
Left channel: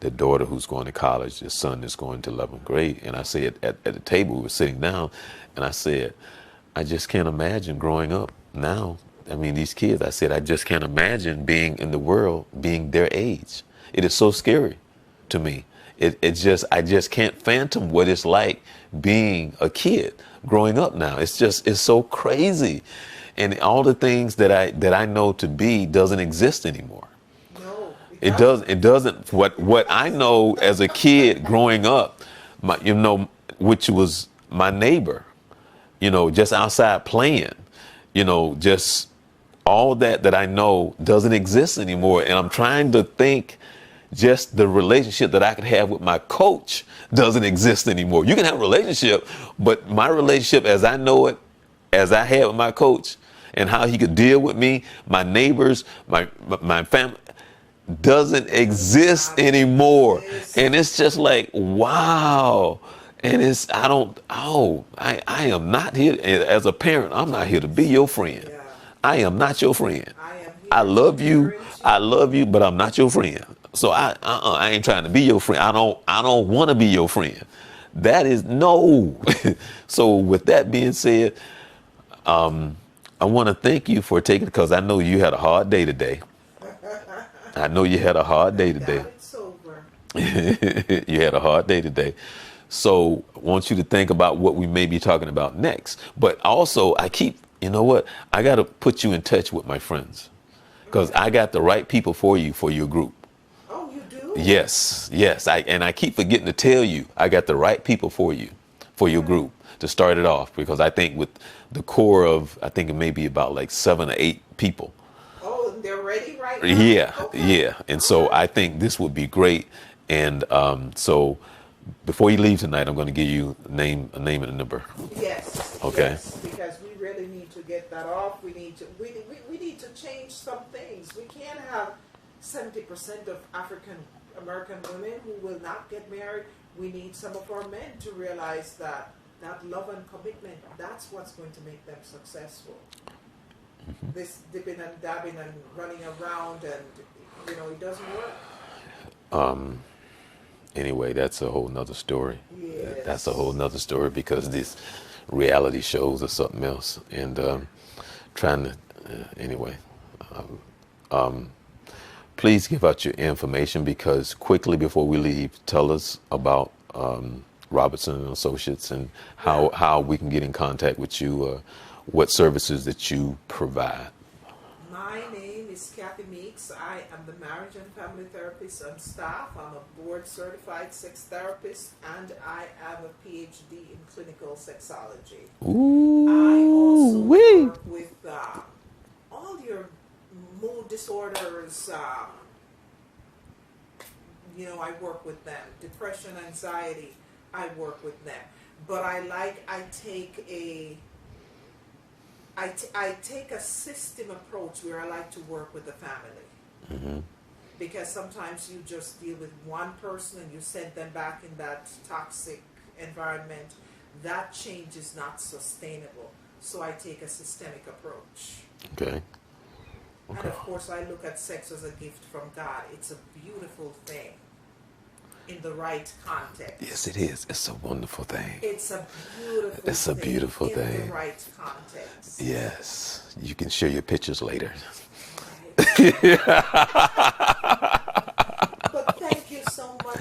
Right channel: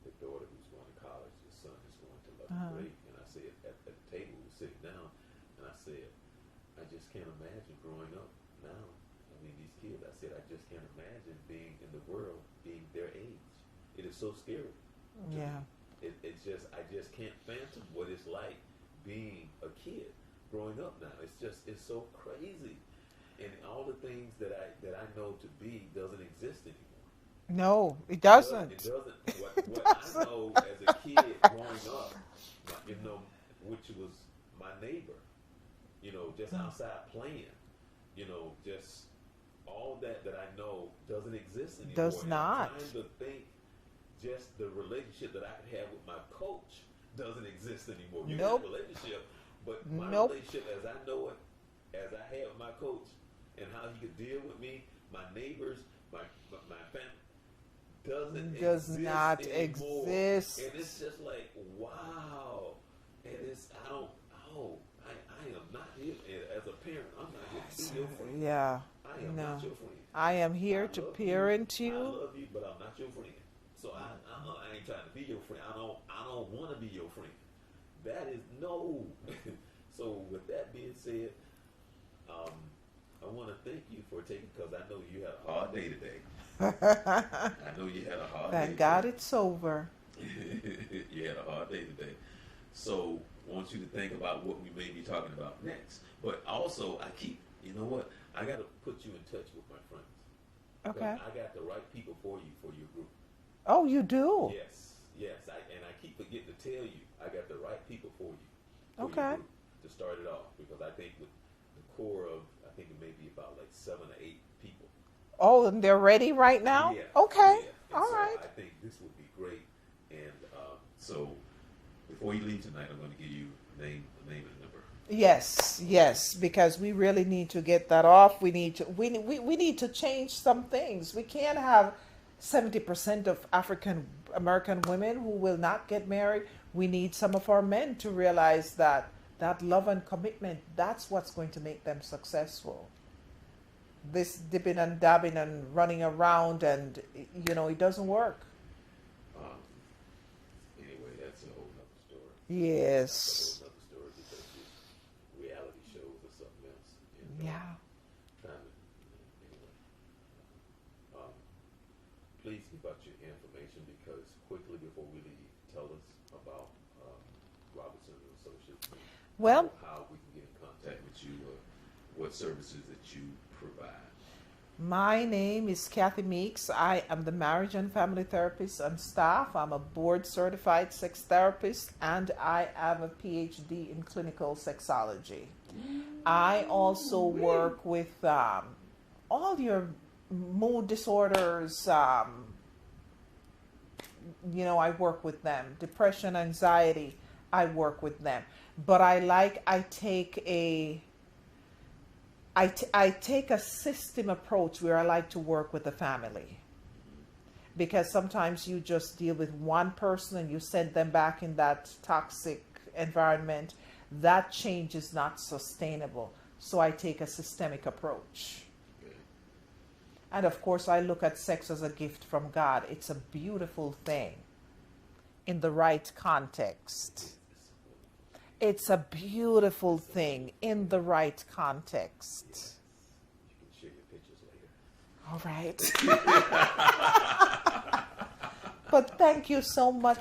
their daughter who's going to college, their son is going to 11th grade, and I said at the table we were sitting down, and I said, I just can't imagine growing up now. I mean, these kids. I said, I just can't imagine being in the world, being their age. It is so scary to me. I just can't fathom what it's like being a kid growing up now. It's so crazy, and all the things that I know to be doesn't exist anymore. No, it It does. doesn't. It doesn't. What I know as a kid growing up, which was my neighbor, just outside playing, just all that I know doesn't exist anymore. Does And I'm not. trying to think, just the relationship that I could have with my coach doesn't exist anymore. You can have a relationship, but my No. relationship as I know it, as I had with my coach, and how he could deal with me, my neighbors, my family, doesn't Does exist not anymore. exist. And it's just like, wow. And I am not here as a parent. I'm not here to be your friend. Yeah. I am not your friend. I am I here to love you. parent I you. love you, but I'm not your friend. So I ain't trying to be your friend. I don't want to be your friend. That is no. So with that being said, I want to thank you for taking, because I know you had a hard day today. I know you had a hard day Thank today. God it's over. You had a hard day today. So I want you to think about what we may be talking about next. But also, you know what? I got to put you in touch with my friends, because Okay. I got the right people for you for your group. Oh, you do? Yes, yes. I keep forgetting to tell you, I got the right people for you, for your Okay. group to start it off, because I think with the core of, I think it may be about like 7 or 8 people. Oh, and they're ready right now? Yeah, Okay. yeah. And All so right. I think this would be great. And so before you leave tonight, I'm going to give you a name and a number. Yes, Okay. yes, because we really need to get that off. We need to change some things. We can't have 70% of African American women who will not get married. We need some of our men to realize that love and commitment, that's what's going to make them successful. This dipping and dabbing and running around, and it doesn't work. Anyway, that's a whole nother story. That's a whole Yes. nother story, because these reality shows are something else. And Yeah. trying to, anyway, please give out your information, because quickly before we leave, tell us about Robertson and Associates, and Well, how we can get in contact with you, what services that you provide. my name is Kathy Meeks. I am the marriage and family therapist on staff. I'm a board certified sex therapist, and I am a PhD in clinical sexology. I also Ooh-wee. work with all your mood disorders. I work with them. Depression, anxiety, I work with them. But I take a system approach where I like to work with the family, because sometimes you just deal with one person and you send them back in that toxic environment. That change is not sustainable. So I take a systemic approach. Okay. And of course, I look at sex as a gift from God. It's a beautiful thing in the right context. Yes, it is. It's a wonderful thing. It's a beautiful It's a thing beautiful in the thing. right context. Yes. You can share your pictures later. All right. But thank you so much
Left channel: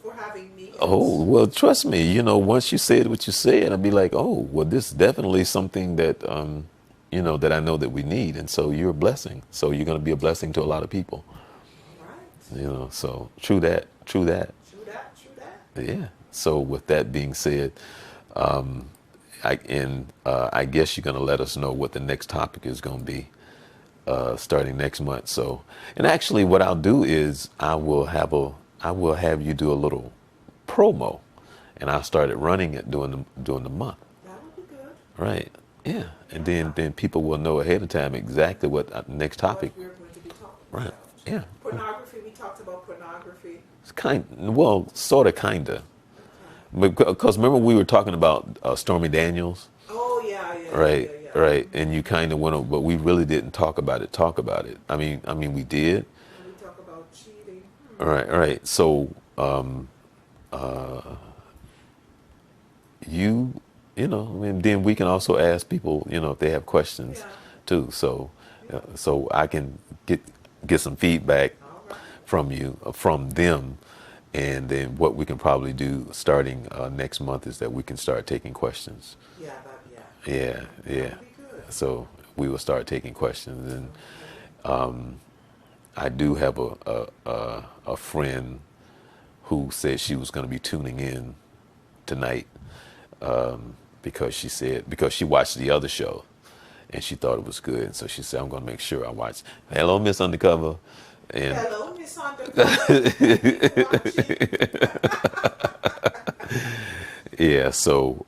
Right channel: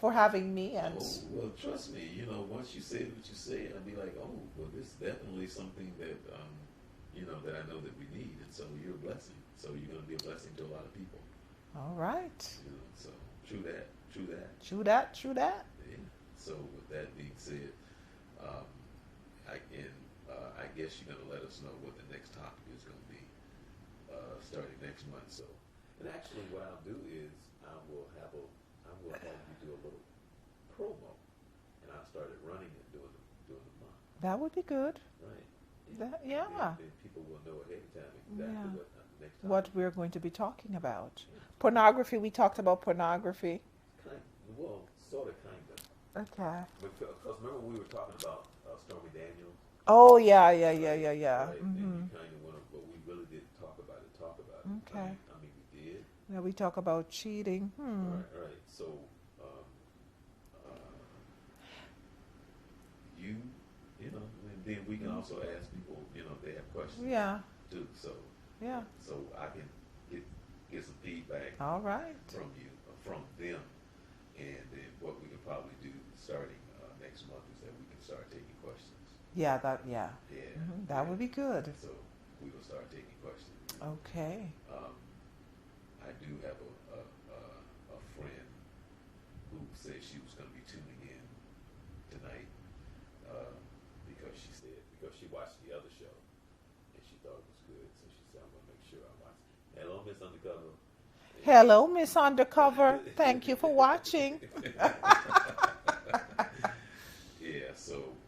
for having me. Oh, well, trust me, once you said what you said, I'll be like, oh, well, this is definitely something that, that I know that we need. And so you're a blessing. So you're going to be a blessing to a lot of people, All right. so true that, true that. True that. True that. Yeah. So with that being said, I guess you're going to let us know what the next topic is going to be, starting next month. So, and actually what I'll do is I will have you do a little promo, and I started running it during the month. That would be good. Right. Yeah. And Yeah. then people will know ahead of time exactly what the next topic. What we're going to be talking Right. about. Yeah. Pornography. We talked about pornography. It's sort of, kinda. Okay. Because remember we were talking about Stormy Daniels, Oh yeah. right? Yeah. Right. And you kind of went on, but we really didn't talk about it. I mean, we did. Yeah, we talk about cheating. Right. So, and then we can also ask people, if they have questions Yeah. too. So, Yeah. so I can get some feedback All right. from them, and then what we can probably do starting next month is that we can start taking questions. Yeah. Yeah, That yeah. would be good. So we will start taking questions, and Okay. I do have a friend who said she was going to be tuning in tonight because she watched the other show and she thought it was good. And so she said, I'm going to make sure I watch. Hello, Miss Undercover. And Hello, Miss Undercover. Thank you for watching. yeah, so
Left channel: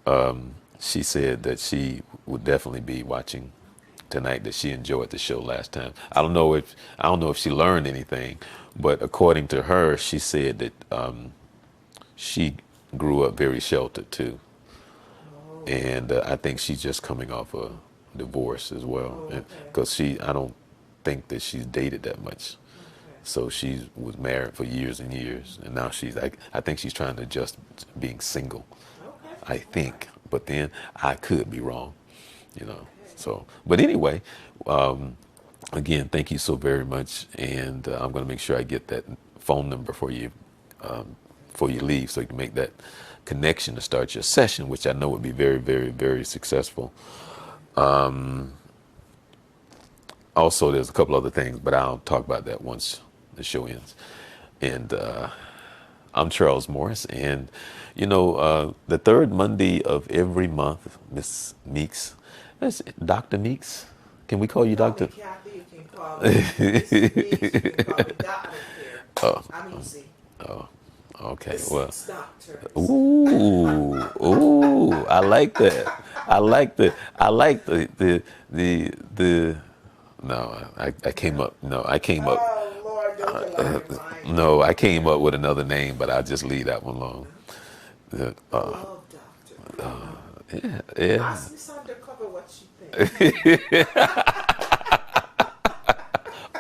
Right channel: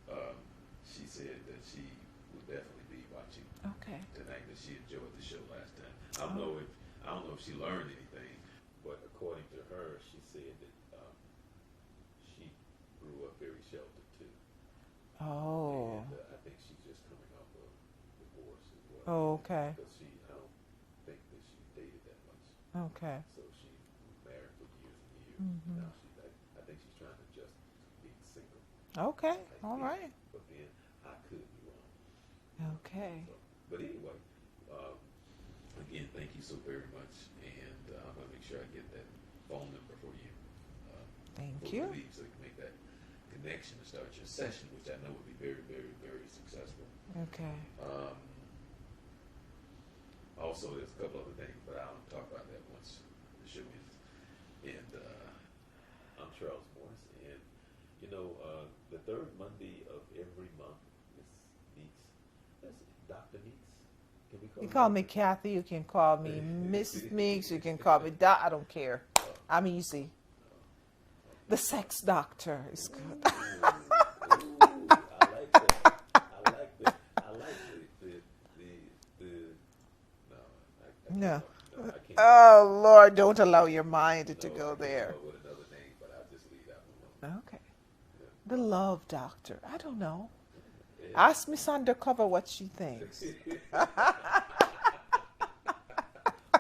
she said that she would definitely be watching Okay. tonight. That she enjoyed the show last time. I don't know if she learned anything, but according to her, she said that she grew up very sheltered too, Oh. and I think she's just coming off a divorce as well. Oh, okay. Because I don't think that she's dated that much. Okay. So she was married for years and years, and now she's like, I think she's trying to adjust to being single. Okay. I All think, right. but then I could be wrong, you know. Okay. So, but anyway, again, thank you so very much, and I'm going to make sure I get that phone number for you before you leave, so you can make that connection to start your session, which I know would be very, very, very successful. Okay. Also, there's a couple other things, but I'll talk about that once the show ends. And I'm Charles Morris, and the third Monday of every month, Miss Meeks, that's Dr. Meeks. Can we call you Call me Dr.? Kathy. You can call me Miss Meeks. You can call me Doc. I don't care. Oh, I'm easy. oh, okay. The Well, 6 doctors. ooh, I like that. I like the. No, I came No. up. No, I came up. Oh Lord, don't allow your mind. to No, go I came there. up with another name, but I'll just leave that one alone. The love doctor. I don't know. Yeah. Ask Miss Undercover what she thinks.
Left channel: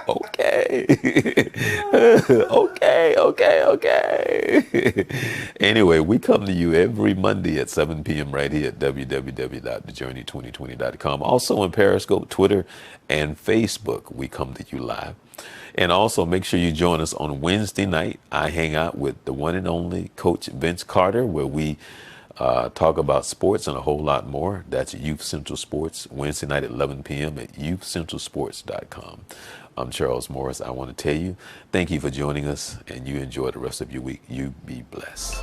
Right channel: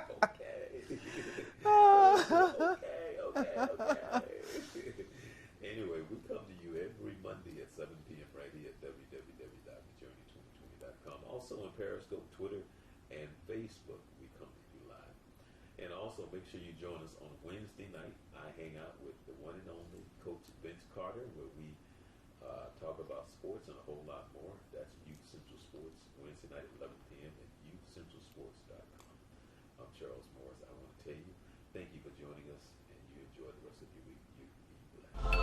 Okay. Okay. Anyway, we come to you every Monday at 7 p.m. right here at www.thejourney2020.com. Also on Periscope, Twitter, and Facebook, we come to you live. And also make sure you join us on Wednesday night. I hang out with the one and only Coach Vince Carter, where we talk about sports and a whole lot more. That's Youth Central Sports, Wednesday night at 11 p.m. at youthcentralsports.com. I'm Charles Morris. I want to tell you, thank you for joining us, and you enjoy the rest of your week. You be blessed.